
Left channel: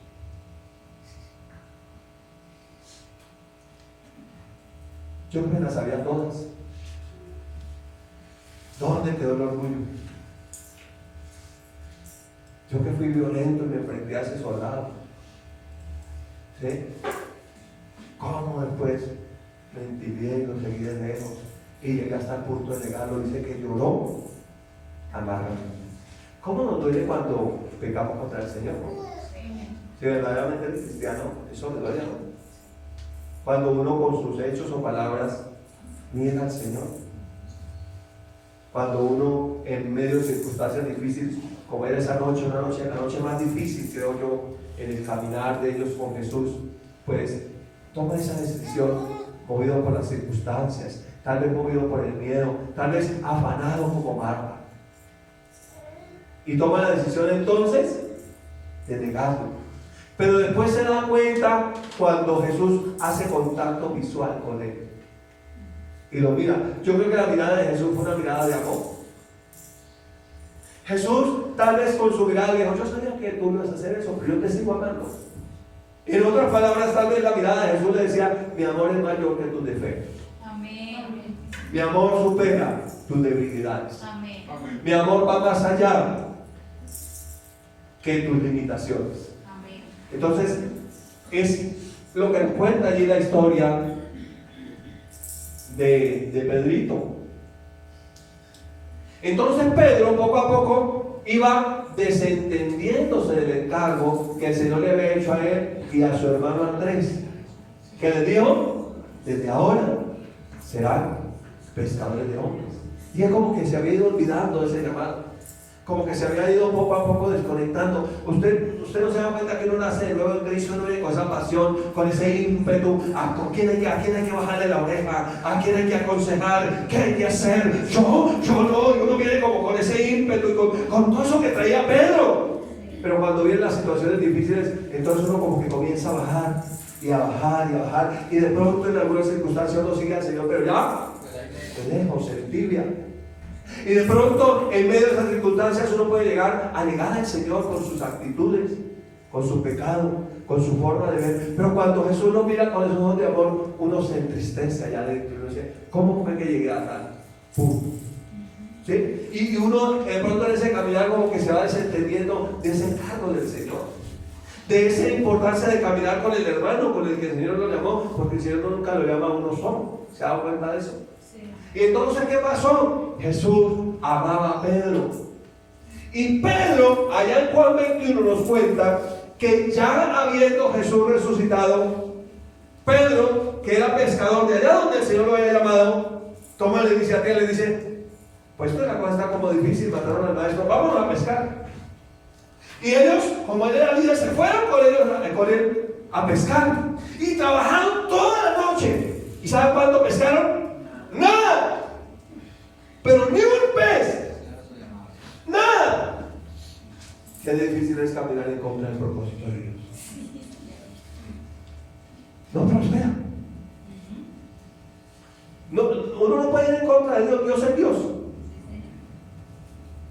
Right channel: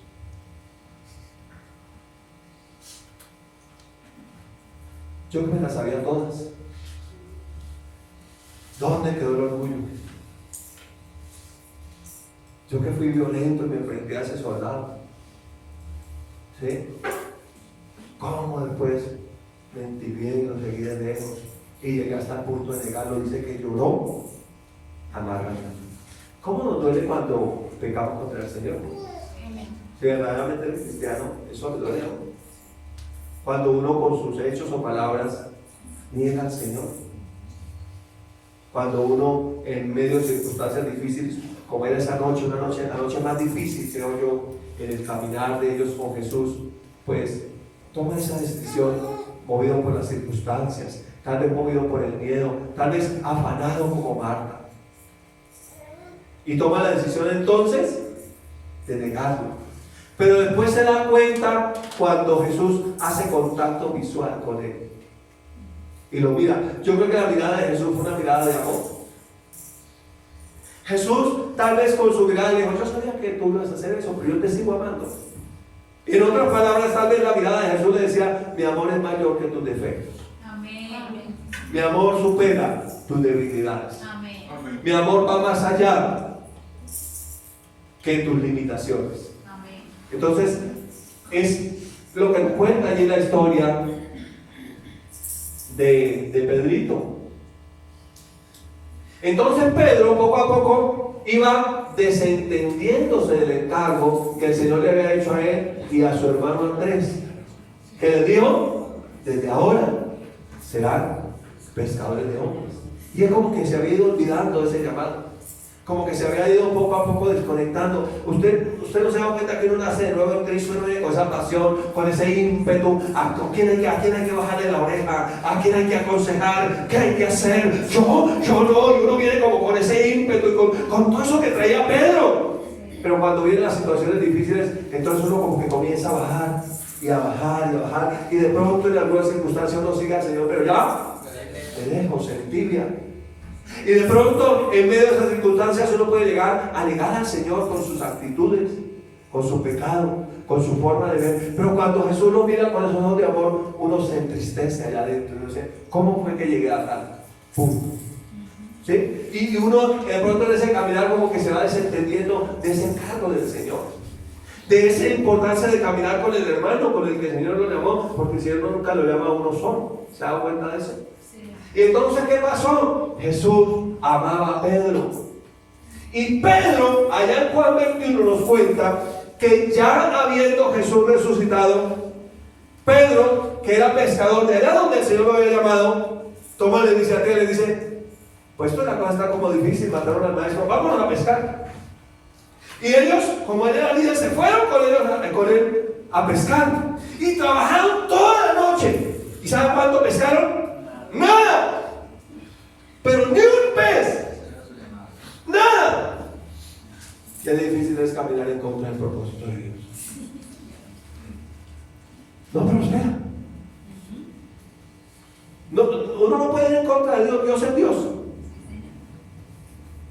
Yo me las sabía todas. ¿Dónde quedó el orgullo? Yo que fui violento y me enfrenté a ese soldado. ¿Sí? ¿Cómo después me entibié y lo seguí de lejos? Y llegué hasta el punto de negarlo. Dice que lloró amargamente. ¿Cómo nos duele cuando pecamos contra el Señor? Si verdaderamente eres cristiano, eso le duele, ¿no? Cuando uno con sus hechos o palabras niega al Señor. Cuando uno en medio de circunstancias difíciles, como era esa noche, la noche más difícil, creo yo, en el caminar de ellos con Jesús, pues toma esa decisión movido por las circunstancias, tal vez movido por el miedo, tal vez afanado como Marta. Y toma la decisión entonces de negarlo. Pero después se da cuenta cuando Jesús hace contacto visual con él. Y lo mira. Yo creo que la mirada de Jesús fue una mirada de amor. Jesús tal vez con su mirada dijo: yo sabía que tú ibas a hacer eso, pero yo te sigo amando. En otras palabras, tal vez la mirada de Jesús le decía: mi amor es mayor que tus defectos. Amén. Mi amor supera tus debilidades. Amén. Mi amor va más allá que tus limitaciones. Amén. Entonces, es lo que cuenta allí la historia de Pedrito. Entonces Pedro poco a poco iba desentendiéndose del encargo que el Señor le había hecho a él y a su hermano Andrés, que le dijo: desde ahora serán pescadores de hombres. Y es como que se había ido olvidando de ese llamado, como que se había ido poco a poco desconectando. Usted no se da cuenta que uno nace de nuevo en Cristo, uno viene con esa pasión, con ese ímpetu. ¿A quién hay que bajarle la oreja? ¿A quién hay que aconsejar? ¿Qué hay que hacer? Yo no. Y uno viene como con ese ímpetu y con todo eso que traía Pedro. Pero cuando vienen las situaciones difíciles, entonces uno como que comienza a bajar y a bajar y a bajar. Y de pronto en algunas circunstancias uno sigue al Señor, pero ya de lejos, se tibia. Y de pronto, en medio de esas circunstancias, uno puede llegar a negar al Señor con sus actitudes, con su pecado, con su forma de ver. Pero cuando Jesús lo mira con esos ojos de amor, uno se entristece allá adentro. Uno dice: ¿cómo fue que llegué a tal punto? ¿Sí? Y uno de pronto en ese caminar como que se va desentendiendo de ese encargo del Señor, de esa importancia de caminar con el hermano con el que el Señor lo llamó, porque el Señor nunca lo llama a uno solo. ¿Se da cuenta de eso? Y entonces, ¿qué pasó? Jesús amaba a Pedro. Y Pedro, allá en Juan 21 nos cuenta que ya habiendo Jesús resucitado, Pedro, que era pescador de allá donde el Señor lo había llamado, toma la iniciativa y le dice: pues toda la cosa está como difícil, mataron al maestro, vámonos a pescar. Y ellos, como era la vida, se fueron con él a pescar. Y trabajaron toda la noche. ¿Y saben cuánto pescaron? Nada, pero ni un pez, nada. Qué difícil es caminar en contra del propósito de Dios. No prospera. Uno no puede ir en contra de Dios. Dios es Dios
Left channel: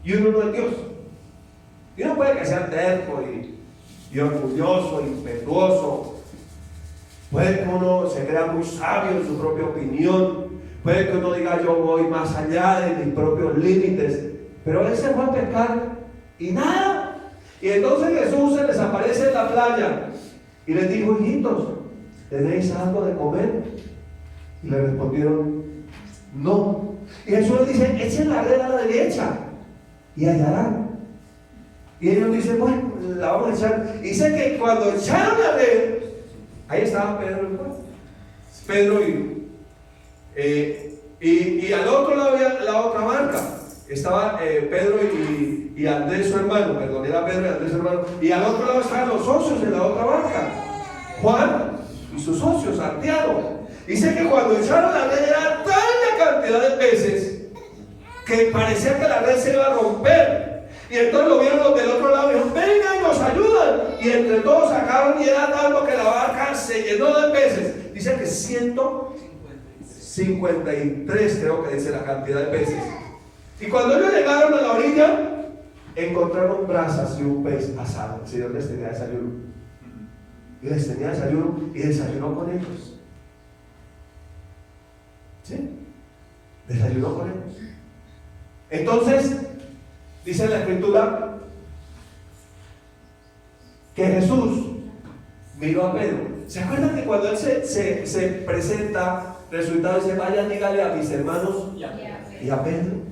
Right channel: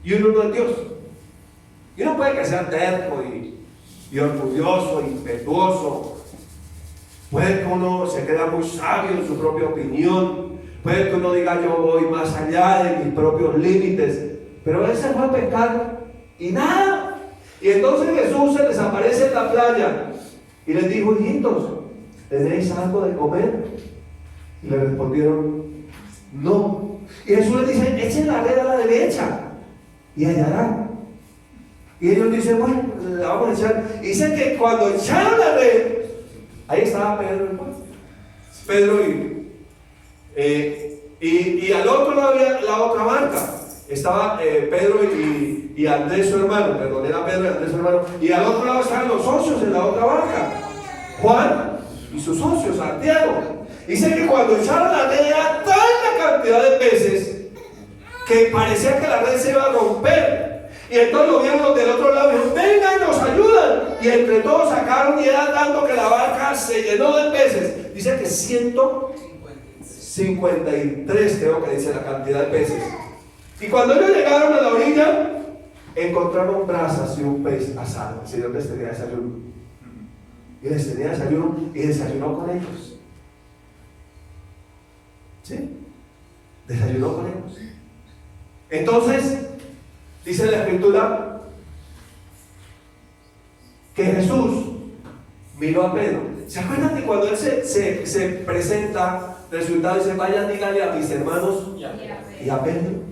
y uno no es Dios. Y uno puede que sea terco y orgulloso, impetuoso. Puede que uno se crea muy sabio en su propia opinión. Puede que uno diga: yo voy más allá de mis propios límites. Pero él se fue a pescar y nada. Y entonces Jesús se les aparece en la playa y les dijo: hijitos, ¿tenéis algo de comer? Y le respondieron: no. Y Jesús les dice: echen la red a la derecha y hallarán. Y ellos dicen: bueno, la vamos a echar. Y dicen que cuando echaron la red, ahí estaba Pedro, Pedro y al otro lado había la otra barca. Estaba Pedro y Andrés su hermano, perdón, era Pedro y Andrés su hermano. Y al otro lado estaban los socios en la otra barca, Juan y sus socios, Santiago. Dice que cuando echaron la red era tal la cantidad de peces que parecía que la red se iba a romper. Y entonces lo vieron los del otro lado y dijeron: vengan, nos ayudan. Y entre todos sacaron, y era tanto que la barca se llenó de peces. Dice que 153 creo que dice la cantidad de peces. Y cuando ellos llegaron a la orilla, encontraron brasas y un pez asado. El Señor les tenía desayuno. Y les tenía desayuno y desayunó con ellos. ¿Sí? Desayunó con ellos. Entonces, dice la Escritura que Jesús miró a Pedro. ¿Se acuerdan que cuando él se presenta, resultado dice: vayan, dígale a mis hermanos y a Pedro?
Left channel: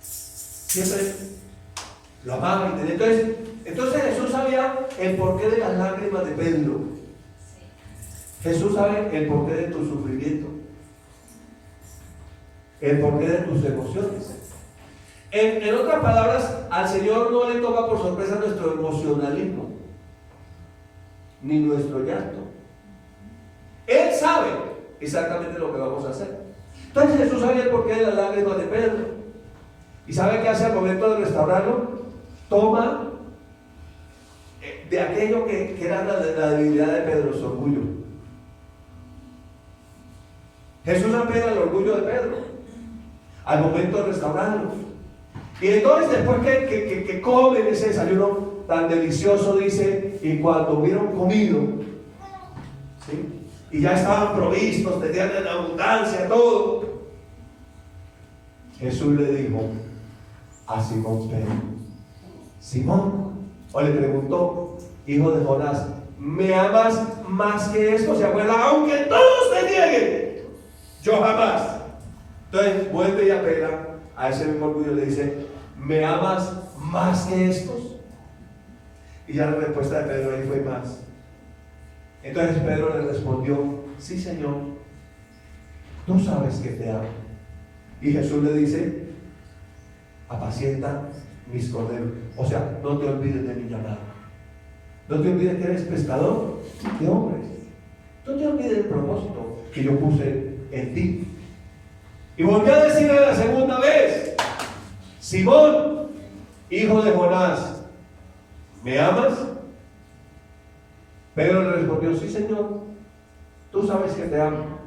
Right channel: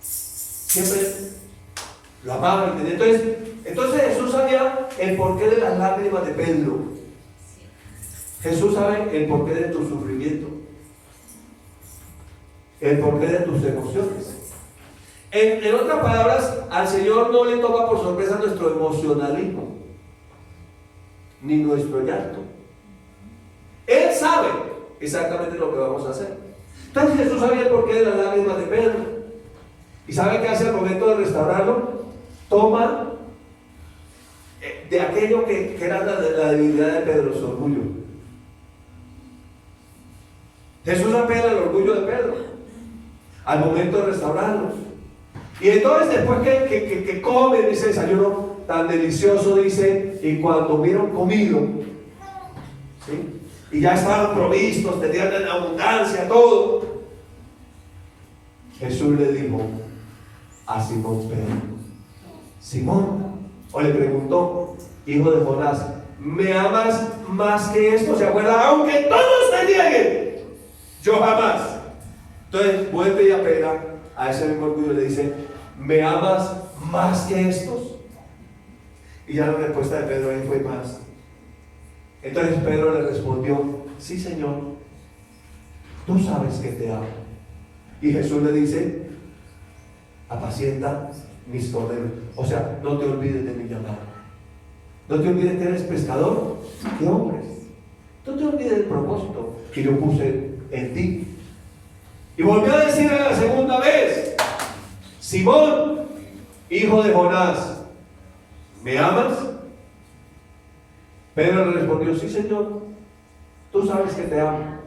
Siempre lo amaba. Entonces Jesús sabía el porqué de las lágrimas de Pedro. Jesús sabe el porqué de tu sufrimiento, el porqué de tus emociones. En otras palabras, al Señor no le toma por sorpresa nuestro emocionalismo ni nuestro llanto. Él sabe exactamente lo que vamos a hacer. Entonces Jesús sabía el porqué de las lágrimas de Pedro. ¿Y sabe qué hace al momento de restaurarlo? Toma de aquello que era la debilidad de Pedro, su orgullo. Jesús apela al orgullo de Pedro al momento de restaurarlo. Y entonces después que comen ese desayuno tan delicioso, dice, y cuando hubieron comido, ¿sí?, y ya estaban provistos, tenían en abundancia todo, Jesús le dijo a Simón Pedro: Simón, o le preguntó, hijo de Jonás, ¿me amas más que esto? ¿Se acuerdan? Aunque todos te nieguen, yo jamás. Entonces vuelve y apela a ese mismo orgullo y le dice: ¿me amas más que estos? Y ya la respuesta de Pedro ahí fue más. Entonces Pedro le respondió: sí, Señor, tú sabes que te amo. Y Jesús le dice: apacienta mis corderos. O sea, no te olvides de mi llamado. No te olvides que eres pescador de hombres. No te olvides del propósito que yo puse en ti. Y volvió a decirle la segunda vez: Simón, hijo de Jonás, ¿me amas? Pedro le respondió: sí, Señor, tú sabes que te amo.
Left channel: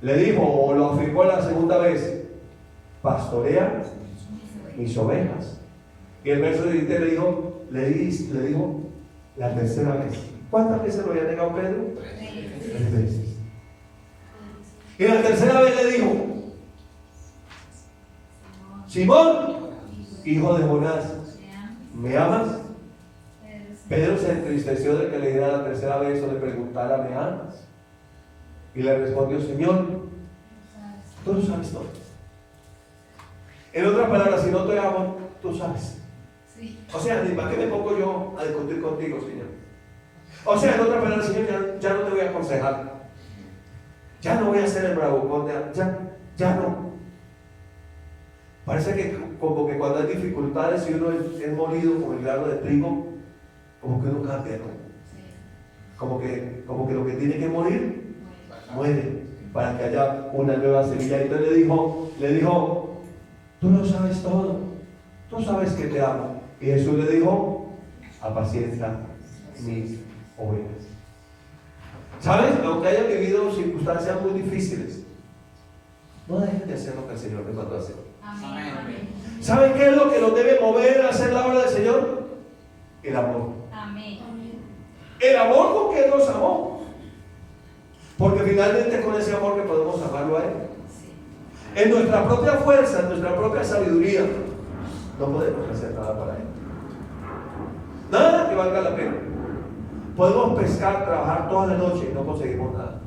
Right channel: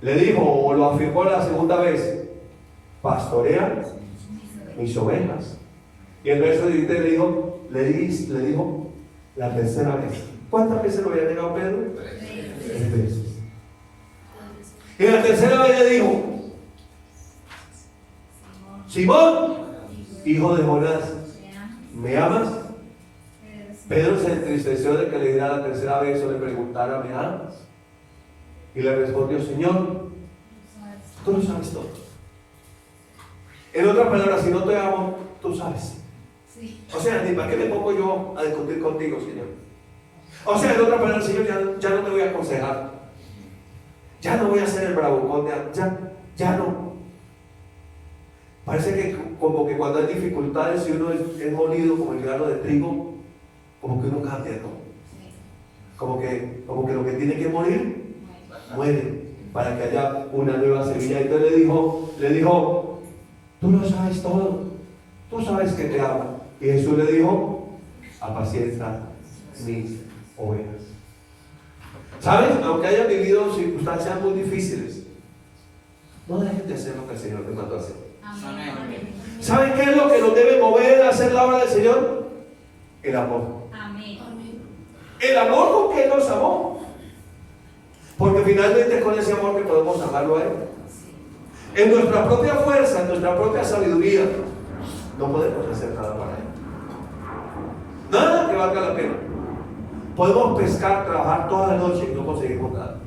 Le dijo, o lo afirmó la segunda vez: pastorea mis ovejas. Y el verso 17 le dijo la tercera vez. ¿Cuántas veces lo había negado Pedro? 3 veces. Y la tercera vez le dijo: Simón, hijo de Jonás, ¿me amas? Pedro se entristeció de que le diera la tercera vez o le preguntara: ¿me amas? Y le respondió: Señor, tú lo sabes todo. En otras palabras, si no te amo, tú sabes. O sea, ni para qué me pongo yo a discutir contigo, Señor. O sea, en otras palabras, Señor, ya no te voy a aconsejar. Ya no voy a hacer el bravucón, ya no. Parece que como que cuando hay dificultades y uno es molido como el grano de trigo, como que uno cambia, ¿no? Como que lo que tiene que morir, muere, para que haya una nueva semilla. Y entonces le dijo: tú lo sabes todo, tú sabes que te amo. Y Jesús le dijo: apacienta mis ovejas. ¿Sabes? Aunque hayan vivido circunstancias muy difíciles, no dejen de hacer lo que el Señor les mandó a hacer. Amén. ¿Saben qué es lo que nos debe mover a hacer la obra del Señor? El amor. Amén. El amor con que Él nos amó. Porque finalmente es con ese amor que podemos amarlo a Él. En nuestra propia fuerza, en nuestra propia sabiduría, no podemos hacer nada para Él. Nada que valga la pena. Podemos pescar, trabajar toda la noche y no conseguimos nada.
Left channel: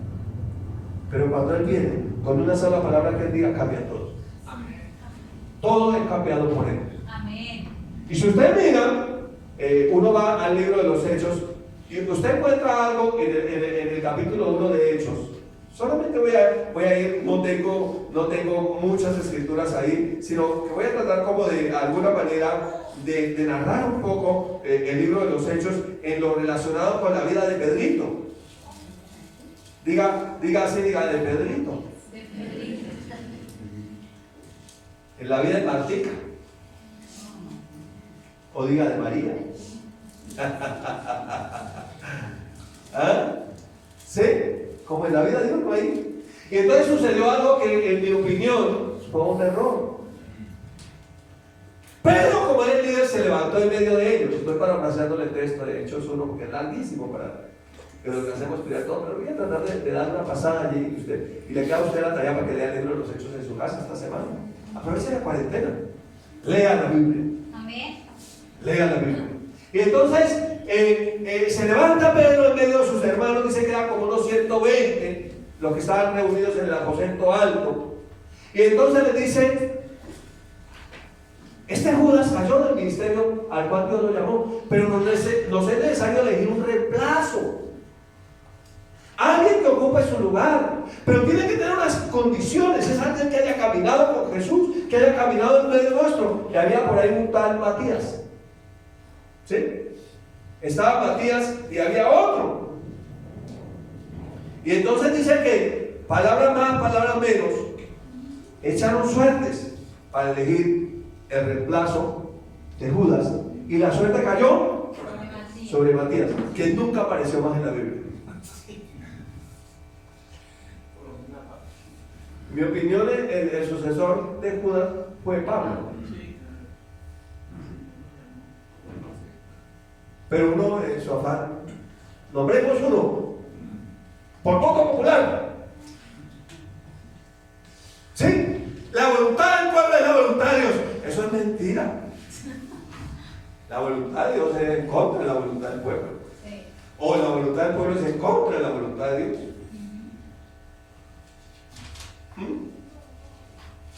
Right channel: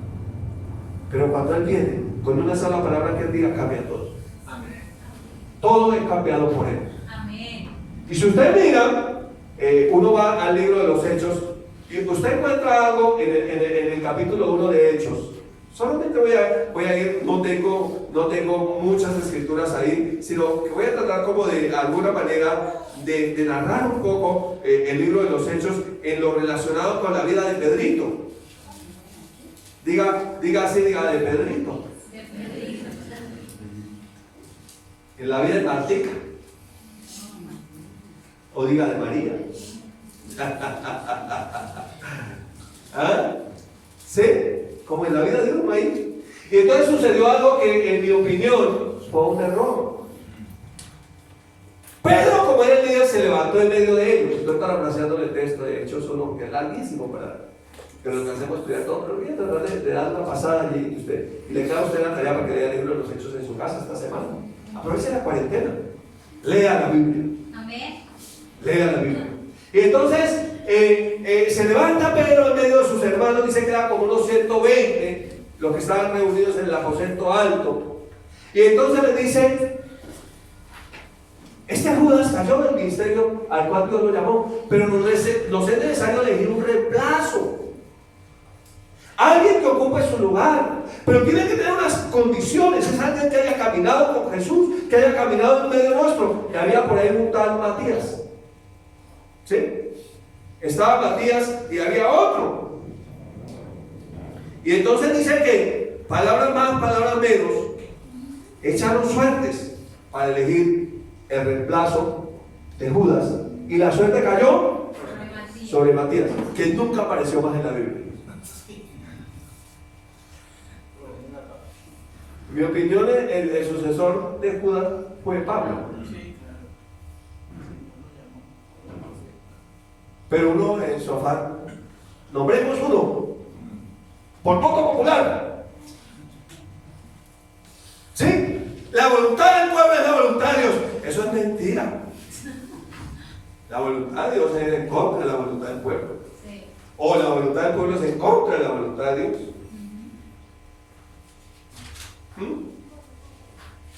Pero cuando Él viene, con una sola palabra que Él diga, cambia todo. Amén. Todo es cambiado por Él. Amén. Y si usted mira, uno va al libro de los Hechos y usted encuentra algo en el capítulo 1 de Hechos. Solamente voy a ir, no tengo muchas escrituras ahí, sino que voy a tratar como de alguna manera de narrar un poco el libro de los Hechos en lo relacionado con la vida de Pedrito. Diga así, diga de Pedrito. En la vida de Martica. O diga de María. ¿Ah? ¿Sí? Como en la vida de uno ahí. Y entonces sucedió algo que en mi opinión fue un error. Pedro, como era el líder, se levantó en medio de ellos. Estoy parafraseando el texto de Hechos 1, que es larguísimo que lo alcancemos a estudiar todo, pero voy a tratar de dar una pasada allí y le queda a usted la tarea para que lea el libro de los Hechos en su casa esta semana. Aproveche la cuarentena. Lea la Biblia. Amén. Lea la Biblia. Y entonces se levanta Pedro en medio de sus hermanos, dice que eran como unos 120 los que estaban reunidos en el aposento alto. Y entonces les dice: este Judas cayó del ministerio al cual Dios lo llamó, pero nos es necesario elegir un reemplazo. Alguien que ocupe su lugar, pero tiene que tener unas condiciones. Es alguien que haya caminado con Jesús, que haya caminado en medio nuestro. Y había por ahí un tal Matías. ¿Sí? Estaba Matías y había otro. Y entonces dice que palabras más, palabras menos, echaron suertes para elegir el reemplazo de Judas. Y la suerte cayó sobre Matías, que nunca apareció más en la Biblia. En mi opinión, el sucesor de Judas fue Pablo. Pero uno en su afán, nombremos uno, por poco popular. ¿Sí? La voluntad del pueblo es la voluntad de Dios. Eso es mentira. La voluntad de Dios es en contra de la voluntad del pueblo. Sí. O la voluntad del pueblo es en contra de la voluntad de Dios.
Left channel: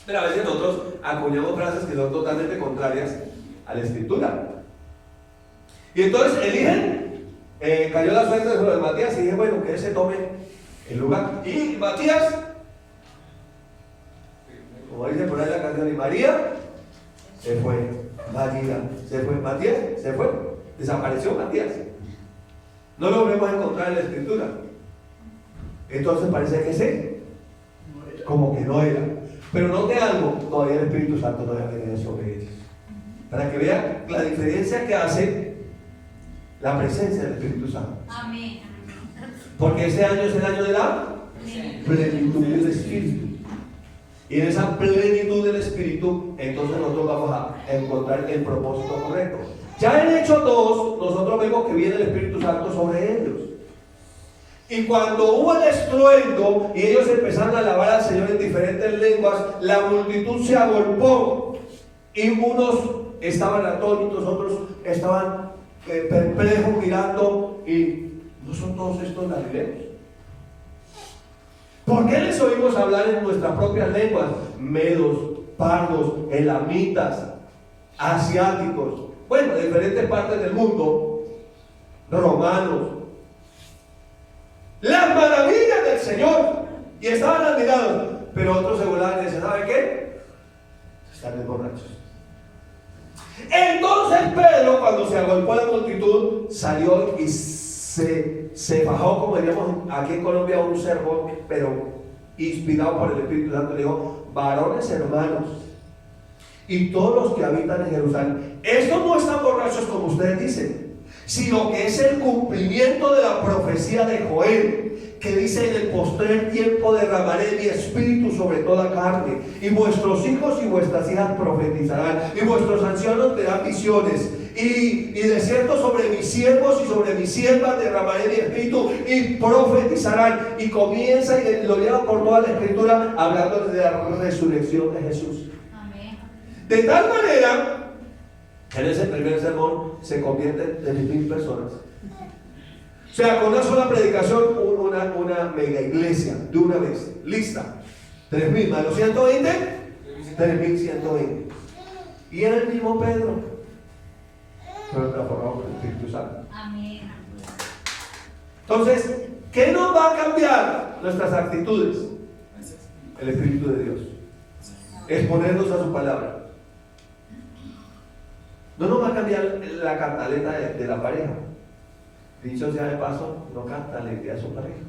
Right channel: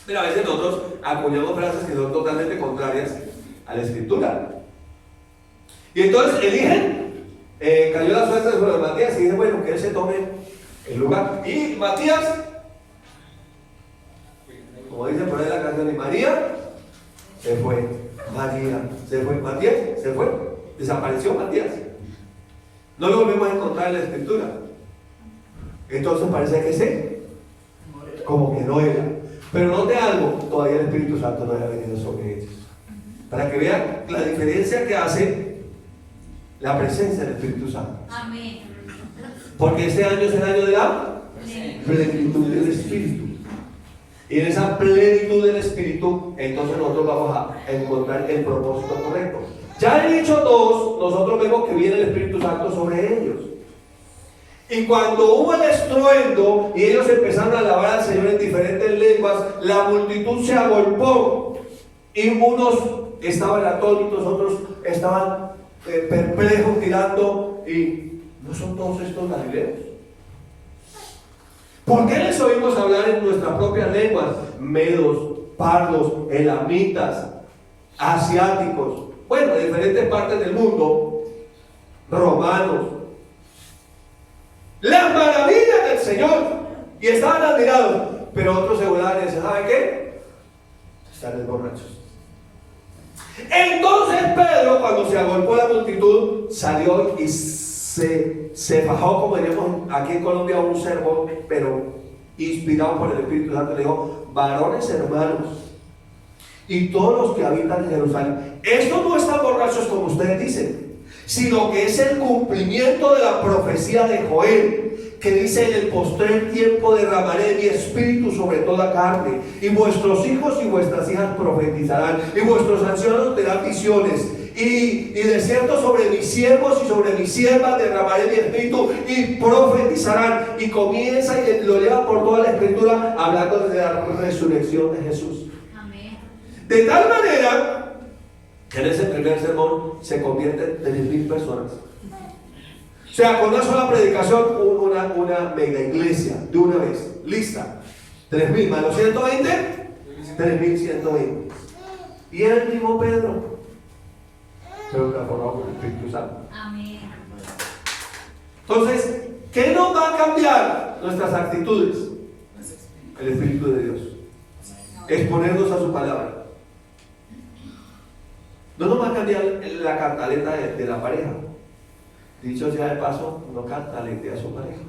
Pero a veces nosotros acuñamos frases que son totalmente contrarias a la escritura. Y entonces eligen, cayó la suerte de Matías y dije, bueno, que él se tome el lugar. Y Matías, como dice por ahí la canción, y María se fue. María se fue. Matías se fue. Desapareció Matías. No lo volvemos a encontrar en la escritura. Entonces parece que sí, como que no era. Pero note algo, todavía el Espíritu Santo no había venido sobre ellos. Para que vean la diferencia que hace la presencia del Espíritu Santo. Amén. Porque este año es el año de la plenitud del Espíritu. Y en esa plenitud del Espíritu, entonces nosotros vamos a encontrar el propósito correcto. Ya en Hechos 2, nosotros vemos que viene el Espíritu Santo sobre ellos. Y cuando hubo el estruendo y ellos empezaron a alabar al Señor en diferentes lenguas, la multitud se agolpó. Y unos estaban atónitos, otros estaban perplejos mirando. Y ¿no son todos estos galileos? ¿Por qué les oímos hablar en nuestras propias lenguas? Medos, pardos, elamitas, asiáticos, bueno, de diferentes partes del mundo, romanos, las maravillas del Señor, y estaban admirados. Pero otros se volaban y decían, ¿sabe qué? Están borrachos. Entonces Pedro, cuando se agolpó la multitud, salió y se bajó, como diríamos aquí en Colombia, un sermón, pero inspirado por el Espíritu Santo. Le dijo: varones hermanos y todos los que habitan en Jerusalén, estos no están borrachos como ustedes dicen, sino que es el cumplimiento de la profecía de Joel, que dice: en el postrer tiempo derramaré mi espíritu sobre toda carne, y vuestros hijos y vuestras hijas profetizarán, y vuestros ancianos tendrán visiones, y de cierto sobre mis siervos y sobre mis siervas derramaré mi espíritu y profetizarán. Y comienza y lo lleva por toda la escritura hablando de la resurrección de Jesús. Amén. De tal manera que en ese primer sermón se convierten en 3,000 personas. O sea, con una sola predicación, una mega iglesia de una vez, lista. 3,000 más los 120, 3,120. Y el mismo Pedro, pero transformado por el Espíritu Santo. Amén. Entonces, ¿qué nos va a cambiar nuestras actitudes? El Espíritu de Dios. Exponernos a su palabra. No nos va a cambiar la cantaleta de la pareja. Dicho sea de paso, no cantalete a su pareja.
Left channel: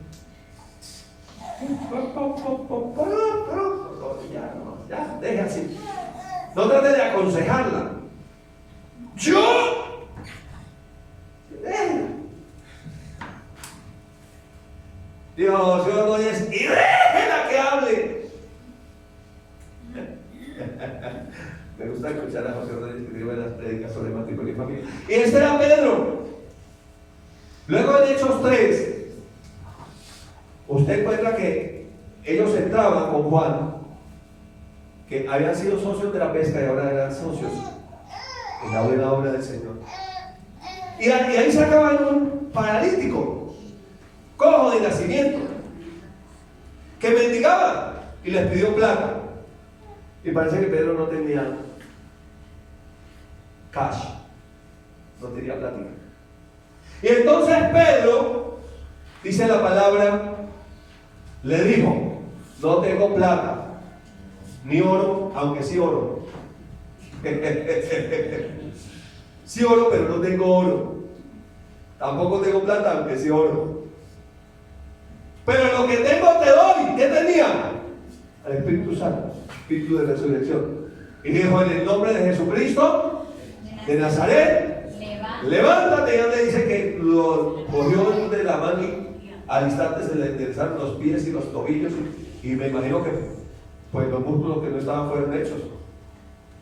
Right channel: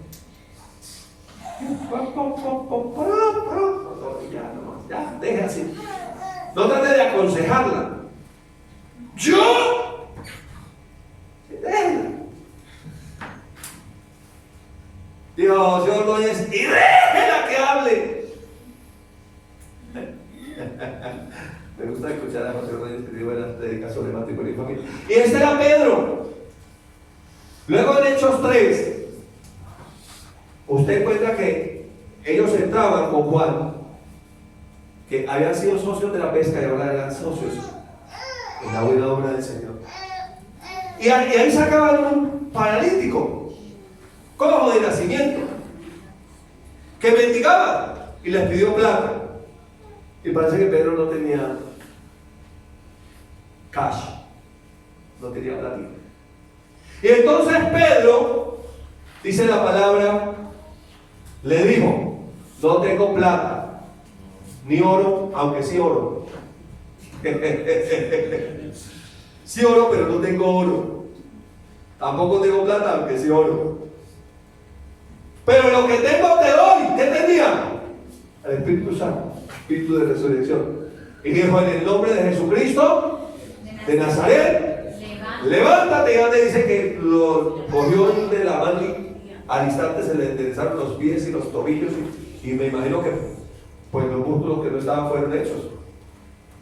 Ya, deje así. No trate de aconsejarla. Yo. Déjela. Dios, yo Ordóñez, y déjela que hable. Me gusta escuchar a José Ordóñez que dio buenas predicas sobre matrimonio y familia. Y este era Pedro. Luego en Hechos 3, usted encuentra que ellos entraban con Juan, que habían sido socios de la pesca y ahora eran socios en la buena obra del Señor. Y ahí sacaban un paralítico, cojo de nacimiento, que mendigaba y les pidió plata. Y parece que Pedro no tenía cash, no tenía platino. Y entonces Pedro, dice la palabra, le dijo: no tengo plata, ni oro, aunque sí oro. Sí oro, pero no tengo oro. Tampoco tengo plata, aunque sí oro. Pero lo que tengo te doy. ¿Qué tenía? El Espíritu Santo, Espíritu de resurrección. Y dijo: en el nombre de Jesucristo de Nazaret, levántate. Y antes dice que lo cogió de la mano y al instante se le enderezaron los pies y los tobillos. Y me imagino que pues los músculos que no estaban fueron hechos.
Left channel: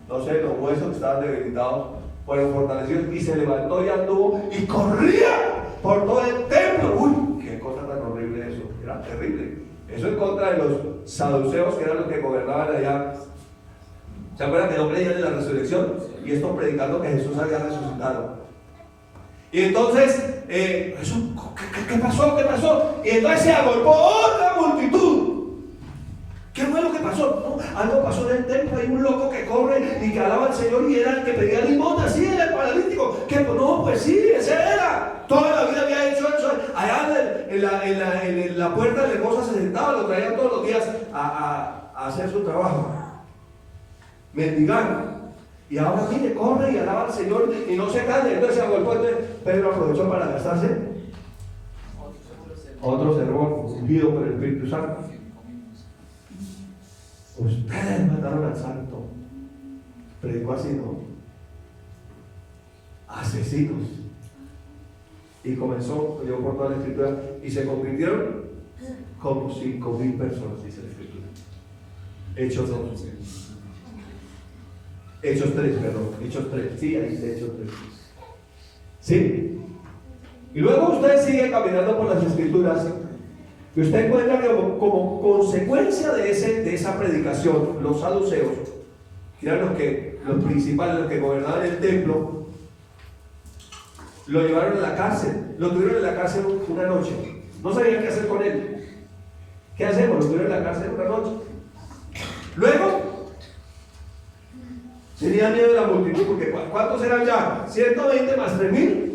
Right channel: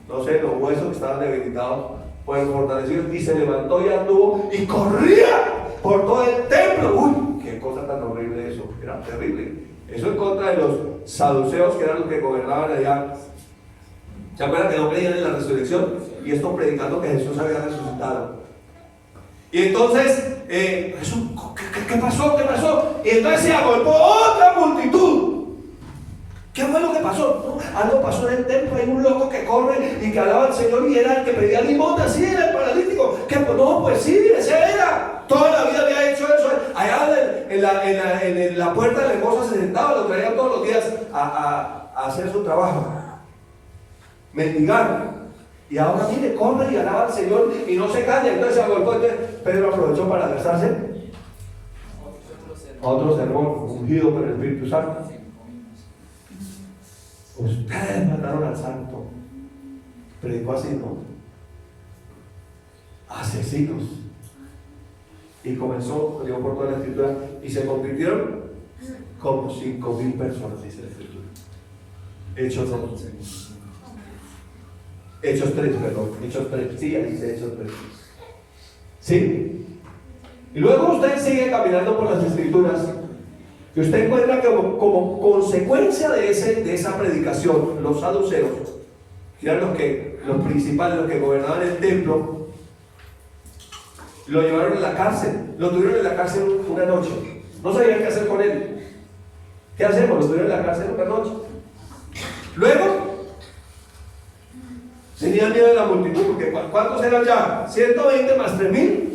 No sé, los huesos que estaban debilitados fueron fortalecidos. Y se levantó y anduvo y corría por todo el templo. Uy, qué cosa tan horrible eso. Era terrible. Eso en contra de los saduceos, que eran los que gobernaban allá. ¿Se acuerdan que no creían en la resurrección? Y esto predicando que Jesús había resucitado. Y entonces, ¿qué pasó? ¿Qué pasó? Y entonces se agolpó otra multitud. ¿Qué fue lo que pasó? No, algo pasó en el templo. Hay un loco que corre y que alaba al Señor y era el que pedía limosna. Sí, era el paralítico. No, pues sí, ese era. Toda la vida había hecho eso. Allá en la puerta de la hermosa se sentaba, lo traían todos los días a hacer su trabajo. Mendigar. Y ahora mire, corre y alaba al Señor y no se calla. Entonces se agolpó. Entonces Pedro aprovechó para gastarse otro sermón ungido por el Espíritu Santo. Ustedes mataron al santo. Predicó así, ¿no? Asesinos. Y comenzó, llegó por toda la escritura y se convirtieron como 5,000 personas, dice la escritura. Hechos 3, perdón. Hechos 3, sí, ahí dice Hechos 3. ¿Sí? Y luego usted sigue caminando por las escrituras y usted encuentra que como consecuencia de esa predicación, los saduceos, que eran los principales, los que gobernaban el templo, lo llevaron a la cárcel. Lo tuvieron en la cárcel una noche. No sabían qué hacer con él. ¿Qué hacemos? Lo tuvieron en la cárcel una noche. Luego tenían miedo de la multitud, porque ¿cuántos eran ya? 120 más 3,000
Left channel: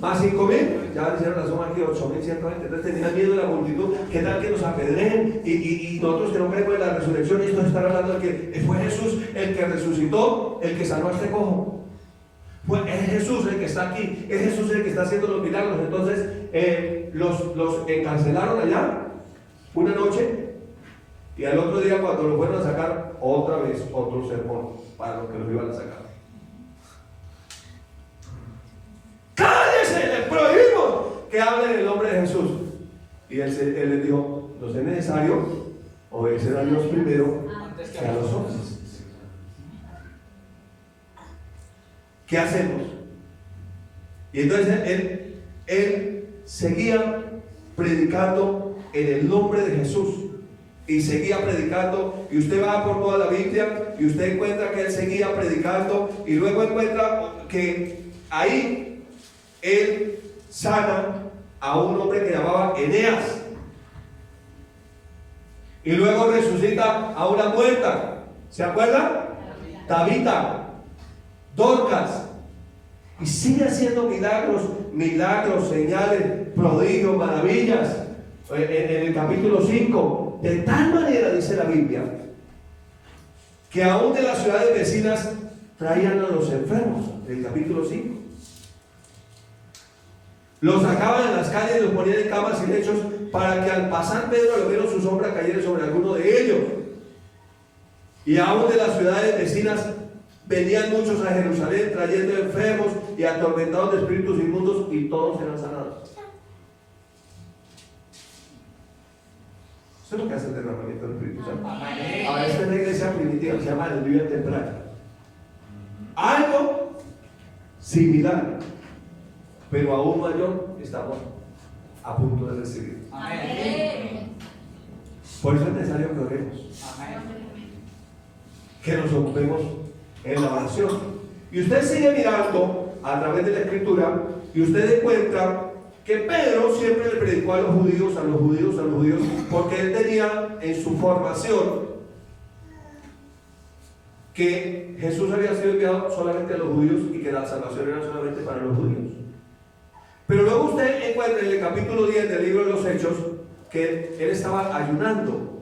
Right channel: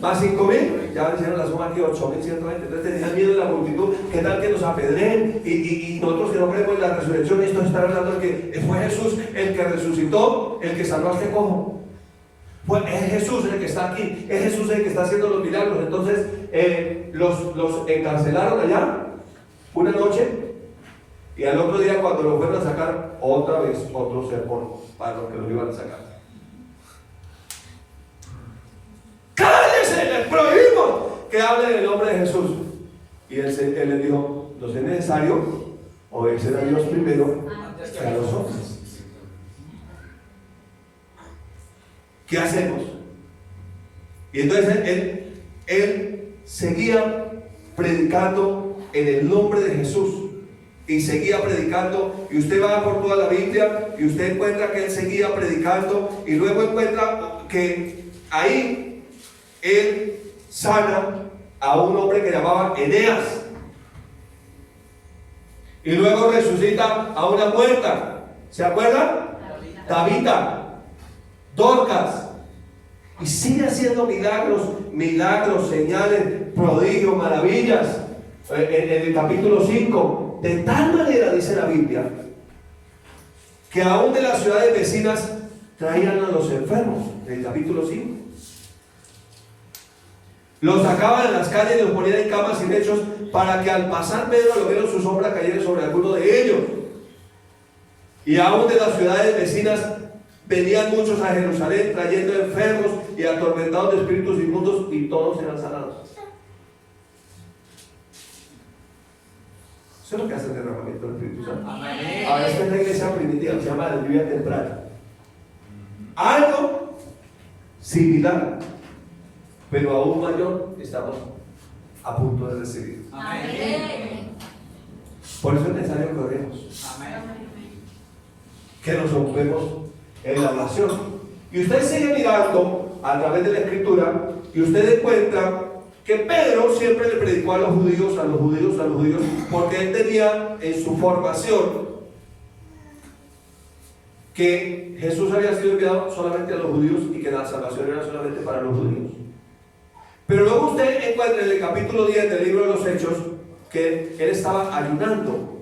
más 5,000, ya hicieron la suma aquí, 8,120. Entonces tenían miedo de la multitud, que tal que nos apedreen, y nosotros que no creemos en la resurrección. Esto están hablando de que fue Jesús el que resucitó, el que salvó a este cojo. Es Jesús el que está aquí, es Jesús el que está haciendo los milagros. Entonces los encarcelaron allá una noche, y al otro día, cuando los fueron a sacar, otra vez otro sermón para los que los iban a sacar. ¡Cállese! Les prohibimos que hablen en el nombre de Jesús. Y él les dijo: no es necesario obedecer a Dios primero que a los hombres. ¿Qué hacemos? Y entonces él seguía predicando en el nombre de Jesús. Y seguía predicando, y usted va por toda la Biblia y usted encuentra que él seguía predicando, y luego encuentra que ahí él sana a un hombre que llamaba Eneas, y luego resucita a una muerta. ¿Se acuerdan? Tabita, Dorcas, y sigue haciendo milagros, señales, prodigios, maravillas. En el capítulo 5, de tal manera dice la Biblia, que aún de las ciudades vecinas traían a los enfermos. En el capítulo 5 los sacaban en las calles y los ponían en camas y lechos, para que al pasar Pedro, a lo menos su sombra cayera sobre alguno de ellos. Y aún de las ciudades vecinas venían muchos a Jerusalén trayendo enfermos y atormentados de espíritus inmundos, y todos eran sanados. Eso es lo que hace el derramamiento del Espíritu Santo. Ahora esta es la iglesia primitiva, se llama la lluvia temprana. Algo similar, pero aún mayor, estamos a punto de recibir. Amén. Por eso es necesario que oremos, que nos ocupemos en la oración. Y usted sigue mirando a través de la Escritura, y usted encuentra que Pedro siempre le predicó a los judíos, porque él tenía en su formación que Jesús había sido enviado solamente a los judíos y que la salvación era solamente para los judíos. Pero luego usted encuentra en el capítulo 10 del libro de los Hechos que él estaba ayunando,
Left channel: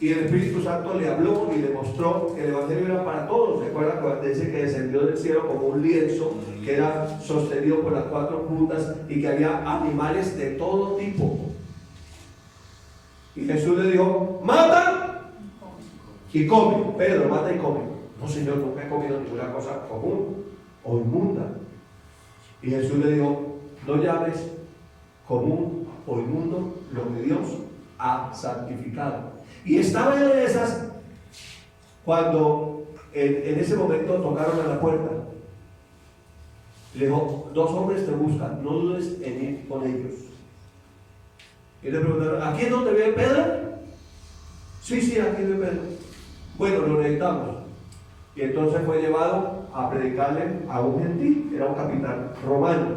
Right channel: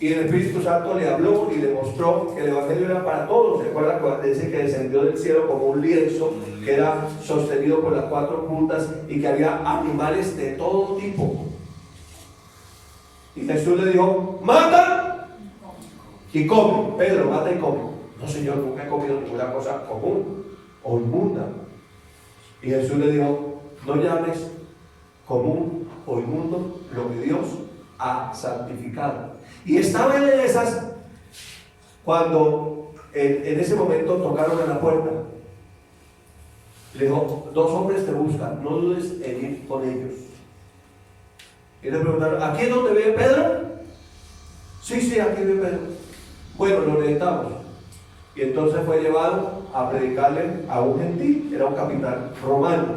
y el Espíritu Santo le habló y le mostró que el Evangelio era para todos. ¿Se acuerdan cuando dice que descendió del cielo como un lienzo que era sostenido por las 4 puntas, y que había animales de todo tipo? Y Jesús le dijo: mata y come. Pedro, mata y come. No, Señor, nunca he comido ninguna cosa común o inmunda. Y Jesús le dijo, no llames común o inmundo lo que Dios ha santificado. Y estaba en esas cuando en ese momento tocaron a la puerta. Le dijo, 2 hombres te buscan, no dudes en ir con ellos. Y le preguntaron, ¿aquí es donde vive Pedro? Sí, aquí vive Pedro. Bueno, lo necesitamos. Y entonces fue llevado a predicarle a un gentil, era un capitán romano,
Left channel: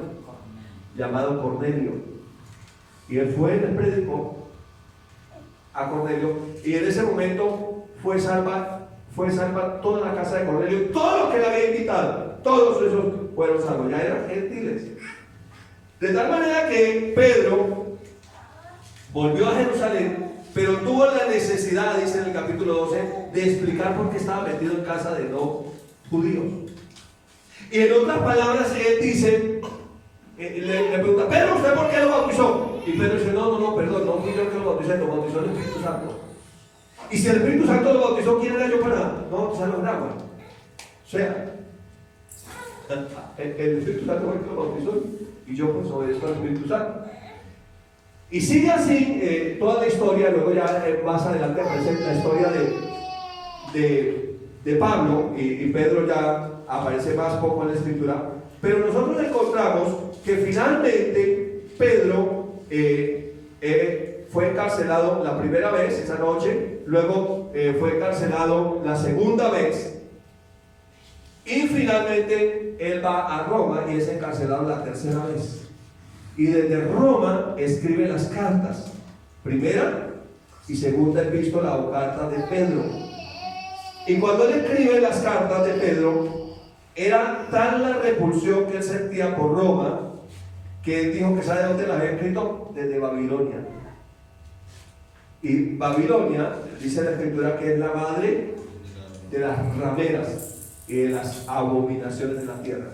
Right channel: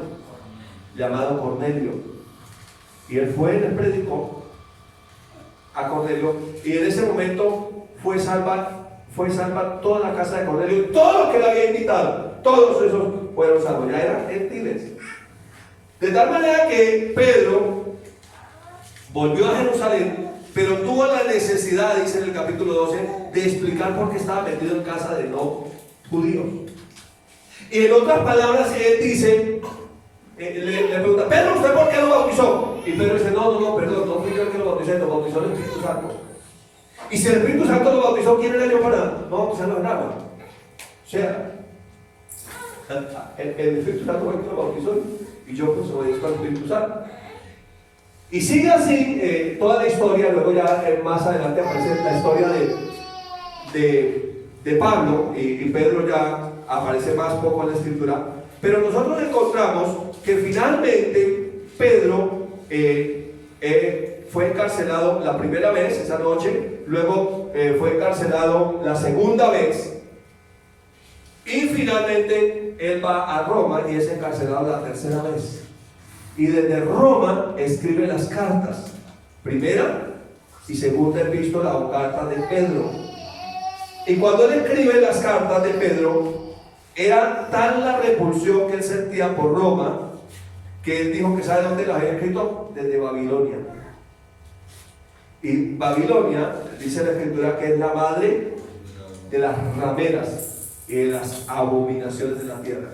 llamado Cornelio. Y él fue y les predicó a Cornelio, y en ese momento fue salva toda la casa de Cornelio, y todos los que le había invitado, todos esos fueron salvos, ya eran gentiles. De tal manera que Pedro volvió a Jerusalén, pero tuvo la necesidad, dice en el capítulo 12, de explicar por qué estaba metido en casa de no judíos. Y en otras palabras, él dice, le pregunta, Pedro, ¿usted por qué lo bautizó? Y Pedro dice, no, perdón, no fui yo el que lo bauticé, lo bautizó el Espíritu Santo. Y si el Espíritu Santo lo bautizó, ¿quién era yo para no bautizarlo en agua? O sea, el Espíritu Santo fue el que lo bautizó, y yo pues obedezco al Espíritu Santo. Y sigue así toda la historia. Luego ya más adelante aparece la historia de Pablo, y Pedro ya aparece más poco en la escritura. Pero nosotros encontramos que finalmente Pedro fue encarcelado la primera vez, esa noche. Luego fue encarcelado la segunda vez, y finalmente él va a Roma y es encarcelado la tercera vez. Y desde Roma escribe las cartas, primera y segunda epístola o carta de Pedro. Y cuando él escribe las cartas de Pedro, era tal la repulsión que él sentía por Roma, que él dijo que ¿sabe dónde las había escrito? Desde Babilonia. Y Babilonia, dice la escritura, que es la madre de las rameras y de las abominaciones de la tierra.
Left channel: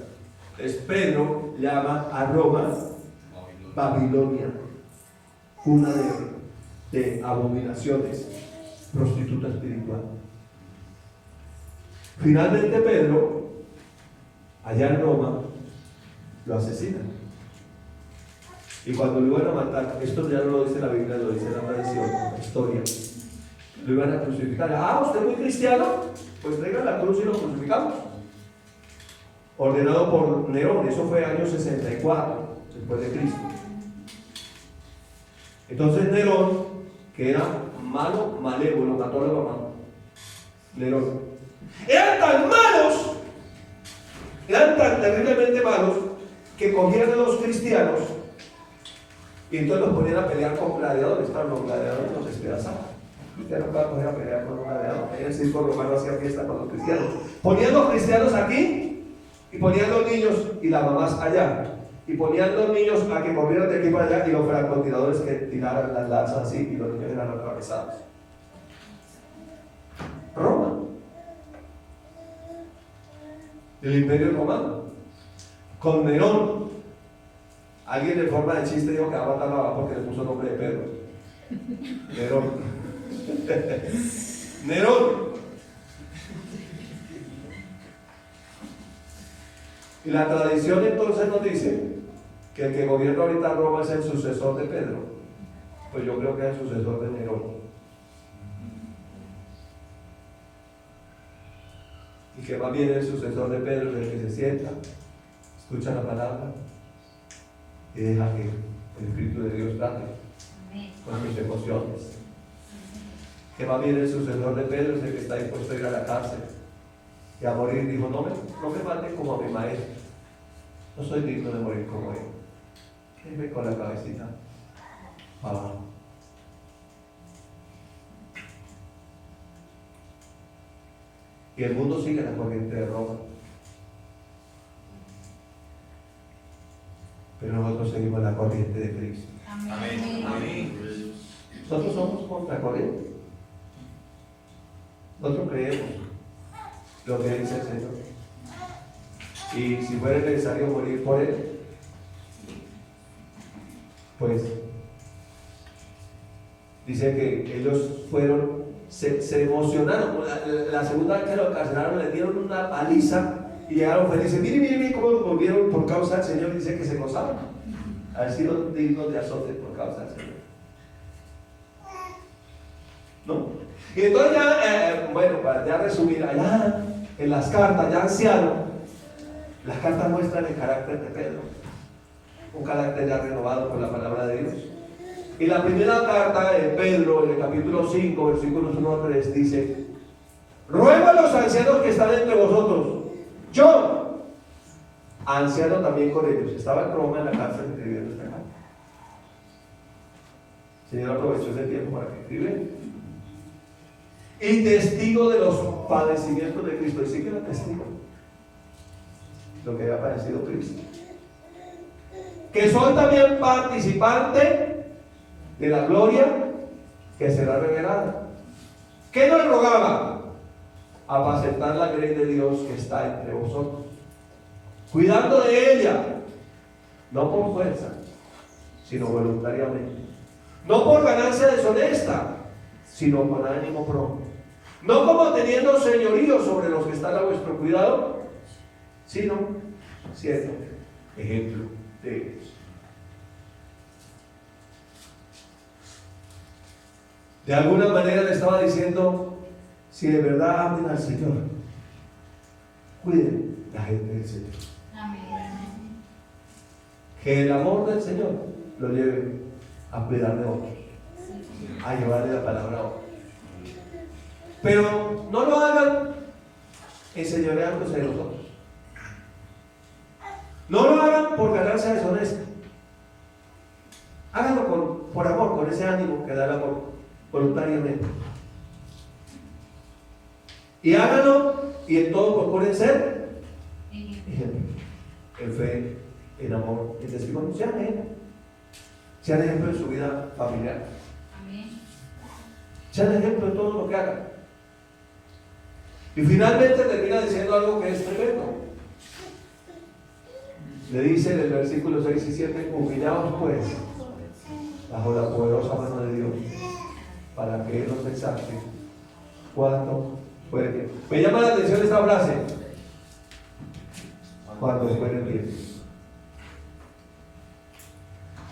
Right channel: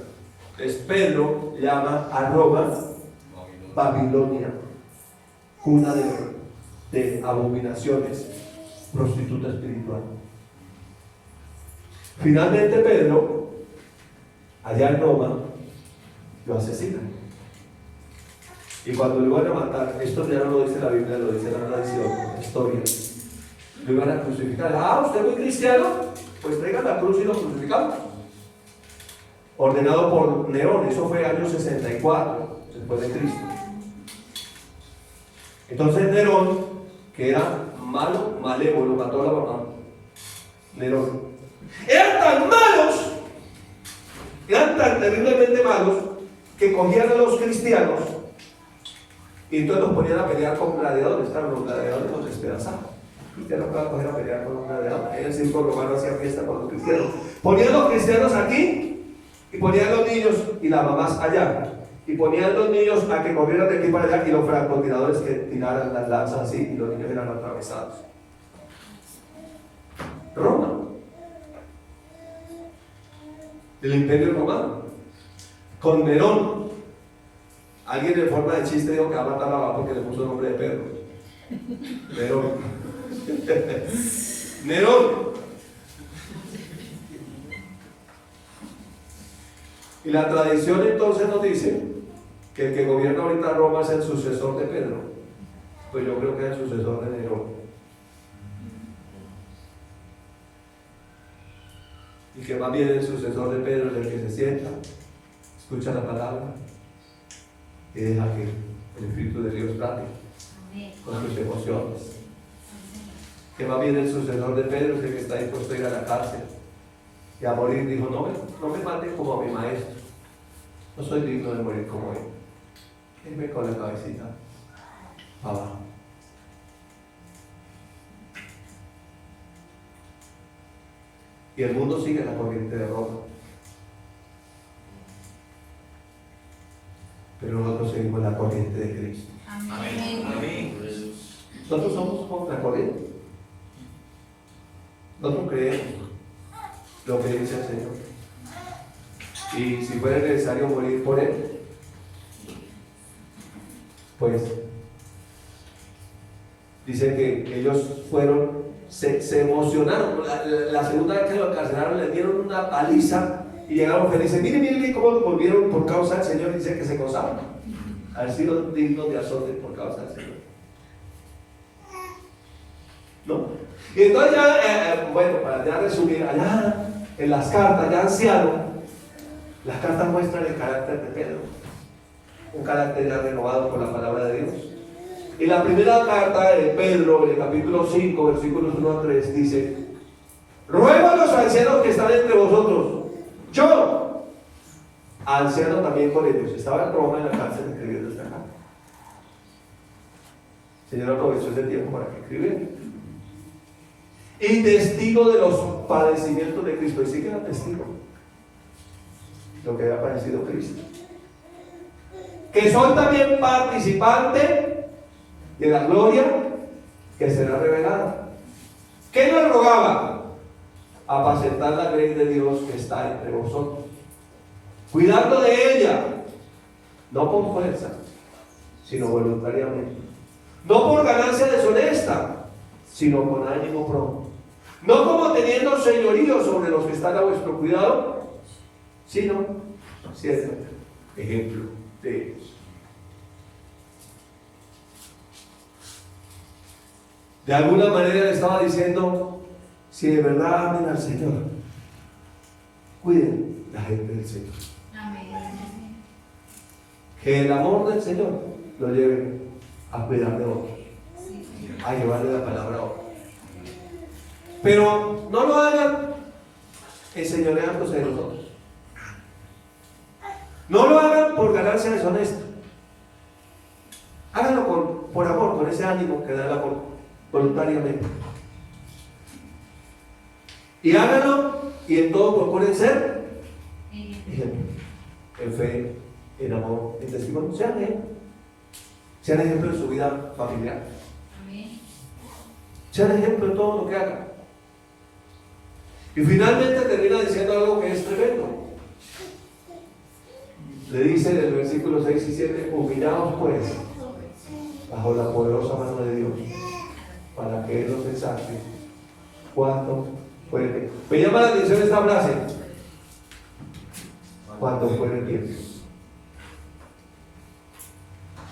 Entonces Pedro llama a Roma Babilonia, cuna de abominaciones, prostituta espiritual. Finalmente Pedro, allá en Roma, lo asesinan. Y cuando lo iban a matar, esto ya no lo dice la Biblia, lo dice la tradición, la historia, lo iban a crucificar. ¿Usted es muy cristiano? Pues traigan la cruz y lo crucificamos. Ordenado por Nerón, eso fue año 64 después de Cristo. Entonces Nerón, que era malo, malévolo, mató a la mamá. Nerón. Eran tan terriblemente malos, que cogían a los cristianos y entonces los ponían a pelear con gladiadores. Claro, los gladiadores los despedazaban. Los cristianos no van a coger a pelear con un gladiador. En el circo romano hacían fiesta con los cristianos. Ponían los cristianos aquí y ponían los niños y las mamás allá. Y ponían los niños a que corrieran de aquí para allá, y los francotiradores que tiraran las lanzas así, y los niños eran atravesados. Roma, el imperio romano, con Nerón. Alguien en forma de chiste dijo que va a matar a Babá porque le puso el nombre de Pedro. Nerón. Nerón. Y la tradición entonces nos dice que el que gobierna ahorita Roma es el sucesor de Pedro. Pues yo creo que es el sucesor de Nerón. Y que más bien el sucesor de Pedro es el que se sienta, escucha la palabra y deja que el Espíritu de Dios trate con sus emociones. Que más bien el sucesor de Pedro es el que está dispuesto a ir a la cárcel y a morir. Dijo, no me maten como a mi maestro, no soy digno de morir como él. Quédenme con la cabecita abajo. Y el mundo sigue la corriente de Roma, pero nosotros seguimos la corriente de Cristo. Amén. Nosotros somos contracorriente. Nosotros creemos lo que dice el Señor, y si fuera necesario morir por Él, pues dice que ellos fueron se emocionaron. La segunda vez que lo encarcelaron le dieron una paliza y llegaron felices. Miren cómo lo volvieron por causa del Señor. Dice que se gozaban. Haber sido dignos de azote por causa del Señor. ¿No? Y entonces ya, bueno, para ya resumir, allá en las cartas, ya anciano, las cartas muestran el carácter de Pedro, un carácter ya renovado por la palabra de Dios. Y la primera carta de Pedro, en el capítulo 5, versículos 1 a 3, dice: ruego a los ancianos que están entre vosotros, yo, anciano también con ellos. Estaba en Roma en la cárcel escribiendo esta carta. El Señor aprovechó ese tiempo para que escribiera. Y testigo de los padecimientos de Cristo. Y sí que era testigo lo que había padecido Cristo. Que soy también participante de la gloria que será revelada. ¿Qué nos rogaba? Apacentar la grey de Dios que está entre vosotros, cuidando de ella, no por fuerza, sino voluntariamente, no por ganancia deshonesta, sino con ánimo pronto, no como teniendo señorío sobre los que están a vuestro cuidado, sino siendo ejemplo de ellos. De alguna manera le estaba diciendo: si de verdad amen al Señor, cuiden la gente del Señor. Amén. Que el amor del Señor lo lleve a cuidar de otros, a llevarle la palabra a otros. Pero no lo hagan enseñoreándose de los otros. No lo hagan por ganancia deshonesta. Háganlo por amor, con ese ánimo que da el amor, voluntariamente. Y háganlo, y en todo procuren ser ejemplo, en fe, en amor, en testimonio. Sean ejemplo en su vida familiar. Amén. Sean ejemplo en todo lo que hagan. Y finalmente termina diciendo algo que es tremendo. Le dice en el versículo 6 y 7: humillaos pues bajo la poderosa mano de Dios, para que Él los exalte cuando fuere. Me llama la atención esta frase: cuando fuere bien.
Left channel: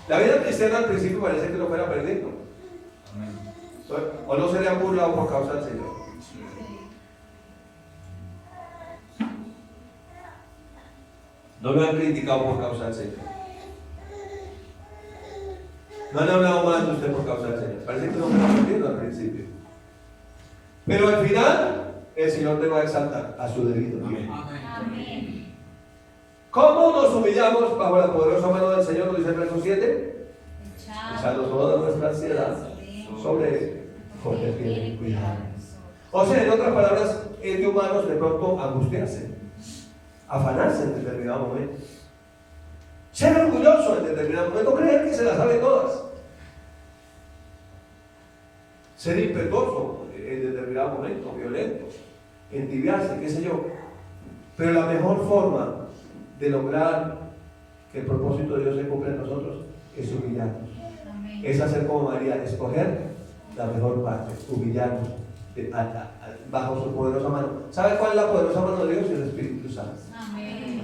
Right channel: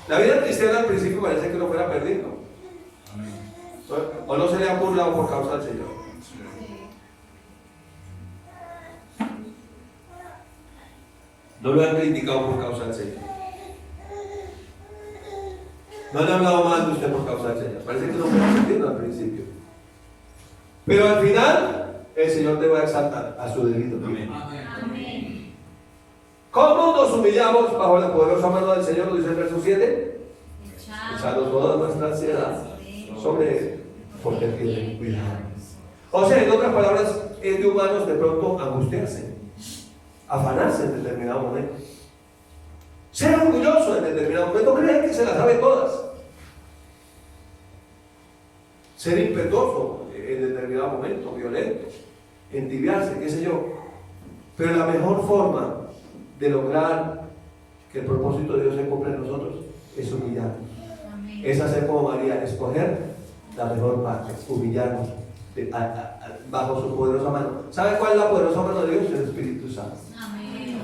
La vida cristiana al principio parece que no fuera perdido, o no se le ha burlado por causa del Señor. No lo han criticado por causa del Señor. No han hablado mal de usted por causa del Señor. Parece que no fuera perdido al principio. Pero al final, el Señor te va a exaltar a su debido tiempo. Amén. ¿Cómo nos humillamos bajo la poderosa mano del Señor? Lo dice el verso 7. Echando toda nuestra ansiedad sobre Él, porque Él tiene cuidado. O sea, en otras palabras, es de humanos de pronto angustiarse, afanarse en determinado momento, ser orgulloso en determinado momento, creer que se las sabe todas, ser impetuoso en determinado momento, violento, entibiarse, qué sé yo. Pero la mejor forma de lograr que el propósito de Dios se cumpla en nosotros es humillarnos. Amén. Es hacer como María, escoger la mejor parte, humillarnos bajo su poderosa mano. ¿Sabe cuál es la poderosa mano de Dios? El Espíritu Santo. Amén.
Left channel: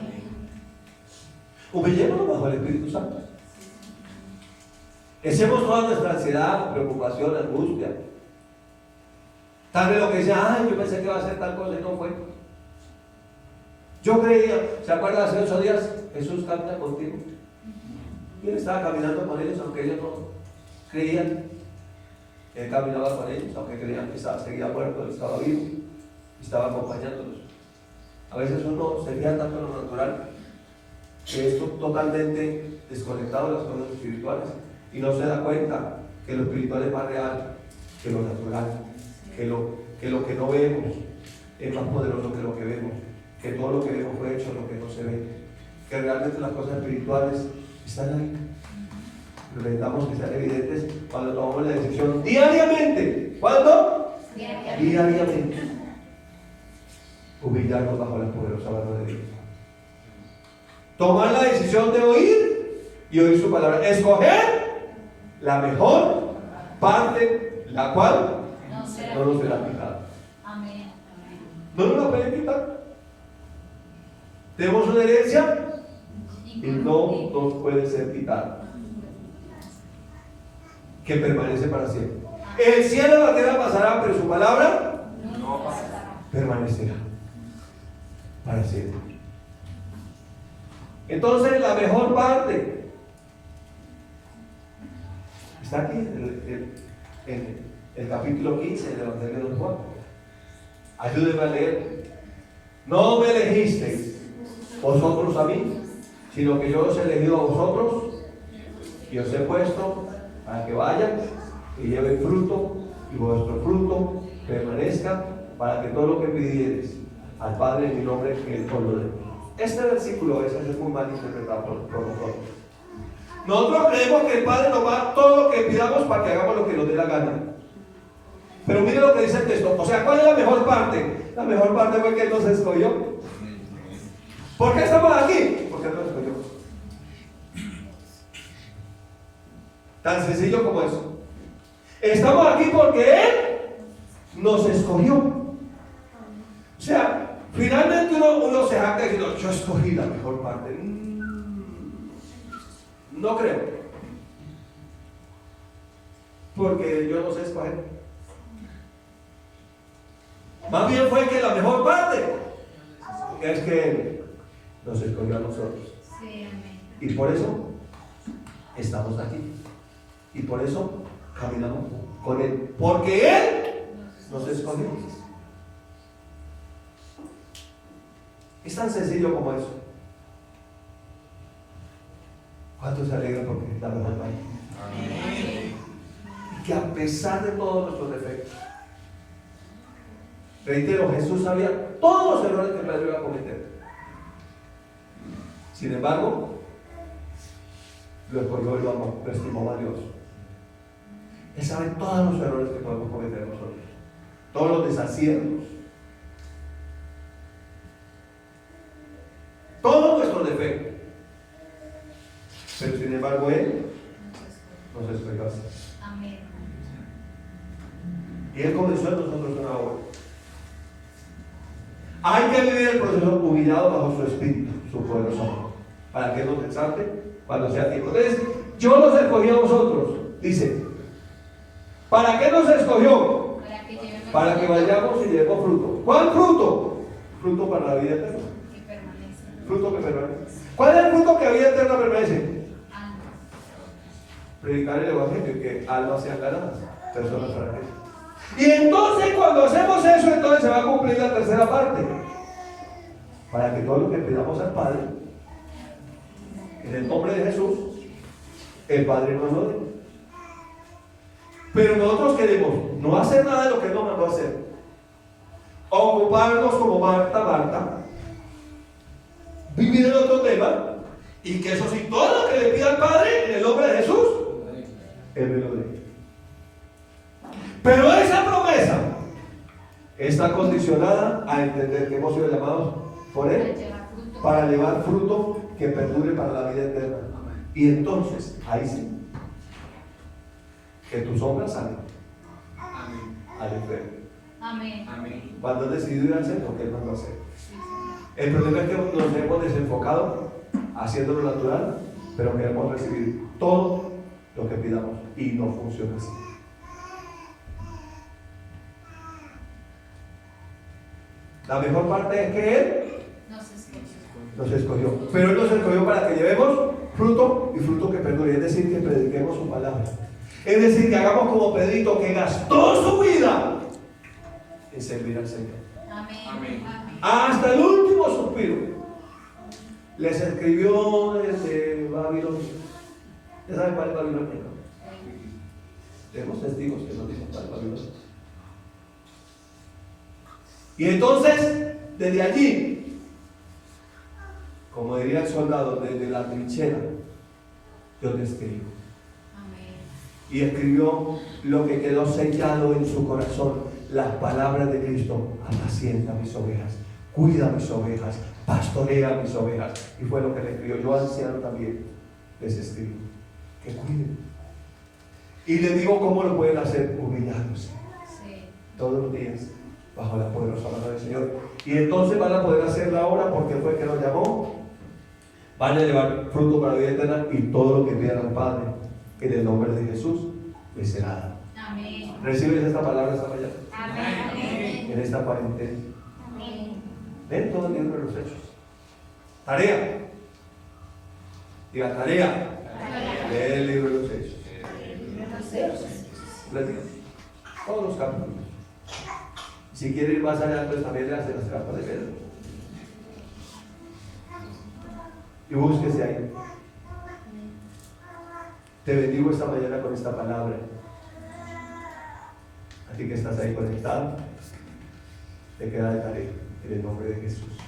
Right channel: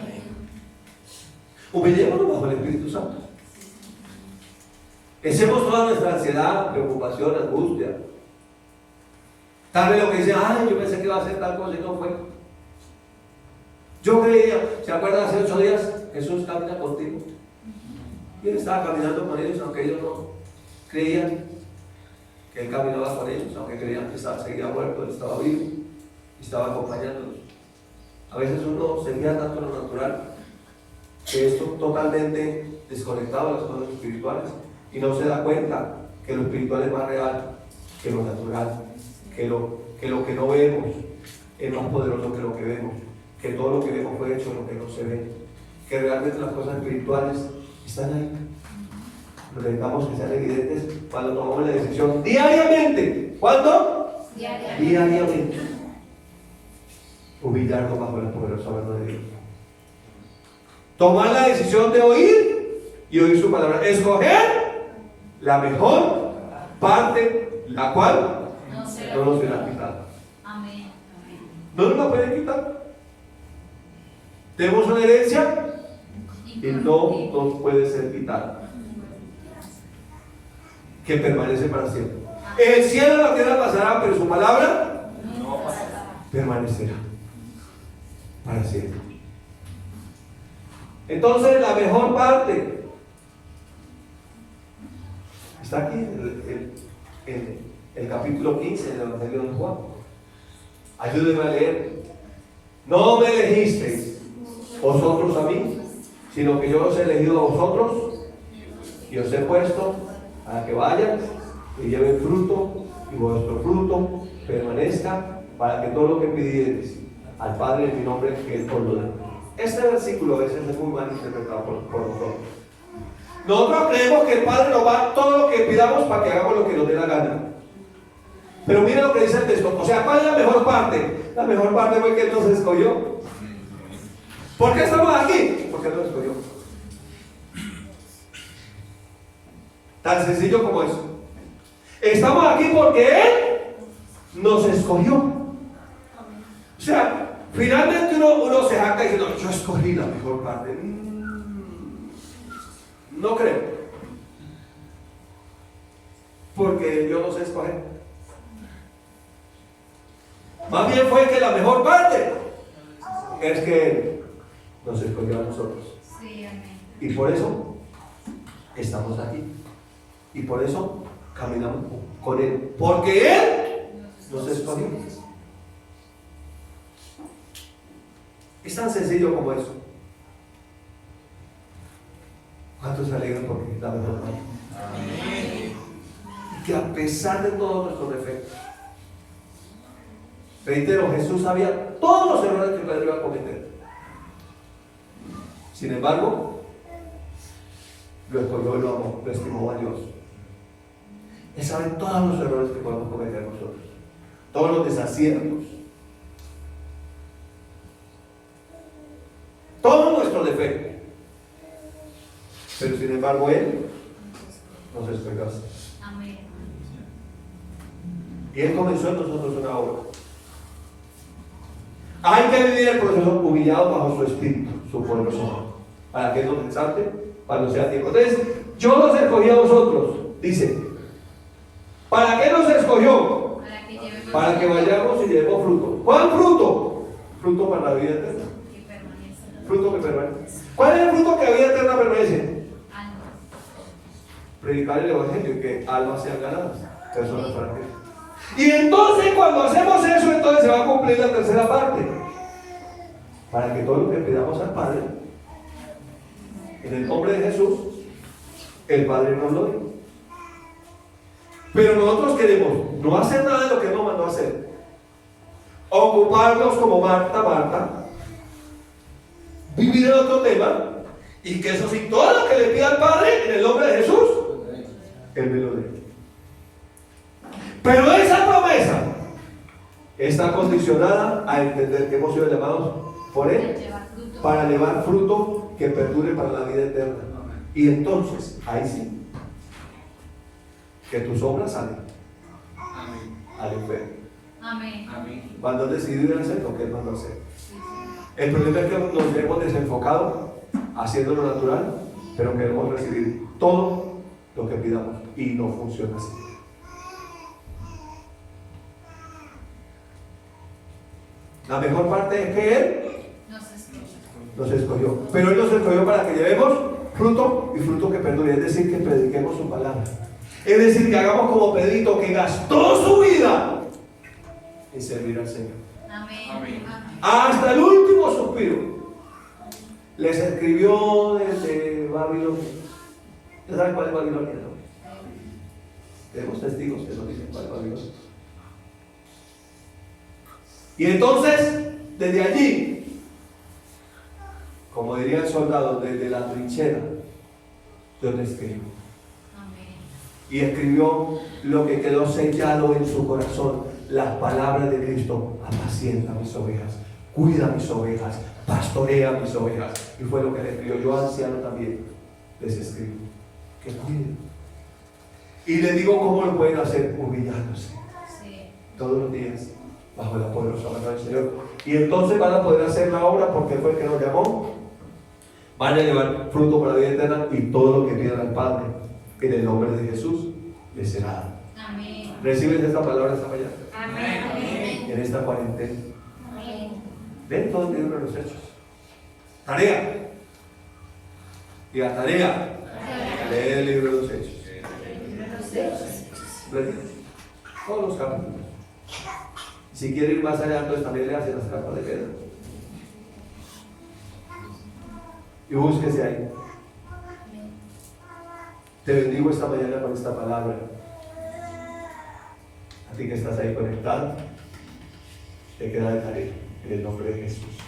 Humillémonos bajo el Espíritu Santo. Echemos toda nuestra ansiedad, preocupación, angustia. Tal vez lo que dice: ay, yo pensé que iba a hacer tal cosa y no fue. Yo creía, ¿se acuerdan? Hace 8 días Jesús camina contigo. Y Él estaba caminando con ellos, aunque ellos no creían que Él caminaba con ellos, aunque creían que seguía muerto, Él estaba vivo y estaba acompañándolos. A veces uno se fija tanto en lo natural que es totalmente desconectado de las cosas espirituales y no se da cuenta que lo espiritual es más real que lo natural, que lo que no vemos es más poderoso que lo que vemos, que todo lo que vemos fue hecho lo que no se ve, que realmente las cosas espirituales están ahí. Pero necesitamos que sean evidentes cuando tomamos la decisión diariamente. ¿Cuándo? Diariamente. Humillarnos bajo la poderosa mano de Dios. Tomar la decisión de oír y oír su palabra. Escoger la mejor parte, la cual no nos será quitado. Amén. No nos la pueden quitar. Tenemos una herencia y no nos puede ser quitada, que permanece para siempre. El cielo y la tierra pasarán, pero su palabra permanecerá para siempre. Entonces, la mejor parte está aquí en el capítulo 15 del Evangelio de Juan. Ayúdenme a leer. No me elegisteis vosotros a mí, sino que yo os he elegido a vosotros y os he puesto para que vayan y lleven fruto, y vuestro fruto permanezca, para que todo lo que pidiereis al Padre en mi nombre, que Él os lo dé. Este versículo a veces es muy mal interpretado por nosotros. Nosotros creemos que el Padre nos va a dar todo lo que pidamos para que hagamos lo que nos dé la gana. Pero mire lo que dice el texto. O sea, ¿cuál es la mejor parte? La mejor parte fue que Él nos escogió. ¿Por qué estamos aquí? Porque Él nos escogió. Tan sencillo como eso. Estamos aquí porque Él nos escogió. O sea, finalmente uno se jacta diciendo, yo escogí la mejor parte. No creo. Porque yo no sé escoger. Más bien fue que la mejor parte es que Él nos escogió a nosotros. Sí, amén. Y por eso estamos aquí. Y por eso caminamos con Él. Porque Él nos escogió. Es tan sencillo como eso. ¿Cuántos se alegran porque es la mejor parte? Amén. Y que a pesar de todos nuestros defectos, reitero, Jesús sabía todos los errores que Pedro iba a cometer. Sin embargo, lo escogió y lo amó, lo estimó valioso. Él sabe todos los errores que podemos cometer nosotros, todos los desaciertos, todos nuestros defectos. Pero sin embargo, Él nos escogió así. Amén. Y Él comenzó en nosotros una obra. Hay que vivir el proceso humillado bajo su espíritu, su poderoso amor, para que Él nos exalte cuando sea tiempo. Entonces, yo los escogí a vosotros, dice. ¿Para qué nos escogió? Para que vayamos y llevemos fruto. ¿Cuál fruto? Fruto para la vida eterna. Que permanece. Fruto que permanece. ¿Cuál es el fruto que la vida eterna permanece? Almas. Predicar el evangelio y que almas sean ganadas, personas francas. Y entonces cuando hacemos eso, entonces se va a cumplir la tercera parte, para que todo lo que pidamos al Padre en el nombre de Jesús, el Padre nos lo dé. Pero nosotros queremos no hacer nada de lo que Él nos mandó a hacer, ocuparnos como Marta, vivir en otro tema, y que eso sí, todo lo que le pida al Padre en el nombre de Jesús, Él me lo dé. Pero esa promesa está condicionada a entender que hemos sido llamados por Él para llevar fruto que perdure para la vida eterna. Y entonces, ahí sí, que tus obras salen al enfermo. Amén. Cuando has decidido ir a hacer lo que Él mandó a hacer. El problema es que nos hemos desenfocado haciendo lo natural, pero queremos recibir todo lo que pidamos y no funciona así. La mejor parte es que Él nos escogió. Pero Él nos escogió para que llevemos fruto y fruto que perdure. Es decir, que prediquemos su palabra. Es decir, que hagamos como Pedrito, que gastó su vida en servir al Señor. Amén. Hasta el último suspiro. Les escribió desde Babilonia. ¿Ya saben cuál es Babilonia? ¿No? Tenemos testigos que nos dicen cuál es Babilonia. Y entonces, desde allí, como diría el soldado, desde la trinchera, Dios le escribió. Y escribió lo que quedó sellado en su corazón, las palabras de Cristo: apacienta mis ovejas, cuida mis ovejas, pastorea mis ovejas. Y fue lo que le escribió. Yo, anciano, también les escribo que cuiden. Y le digo cómo lo pueden hacer: humillándose. Sí. todos los días, bajo la poderosa mano del Señor. Y entonces van a poder hacer la obra porque fue el que nos llamó. Van a llevar fruto para la vida eterna y todo lo que pidan al Padre, en el nombre de Jesús, les será dado. Amén. ¿Reciben esta palabra esta mañana? Amén. En esta cuarentena. Amén. Ven todo el libro de los Hechos. Tarea. Diga tarea. Leer el libro de los Hechos. Todos los capítulos. Si quiere ir más allá, entonces también le hace las cartas de Pedro. Y búsquese ahí. Te bendigo esta mañana con esta palabra. A ti que estás ahí conectado, te queda de tarea en el nombre de Jesús.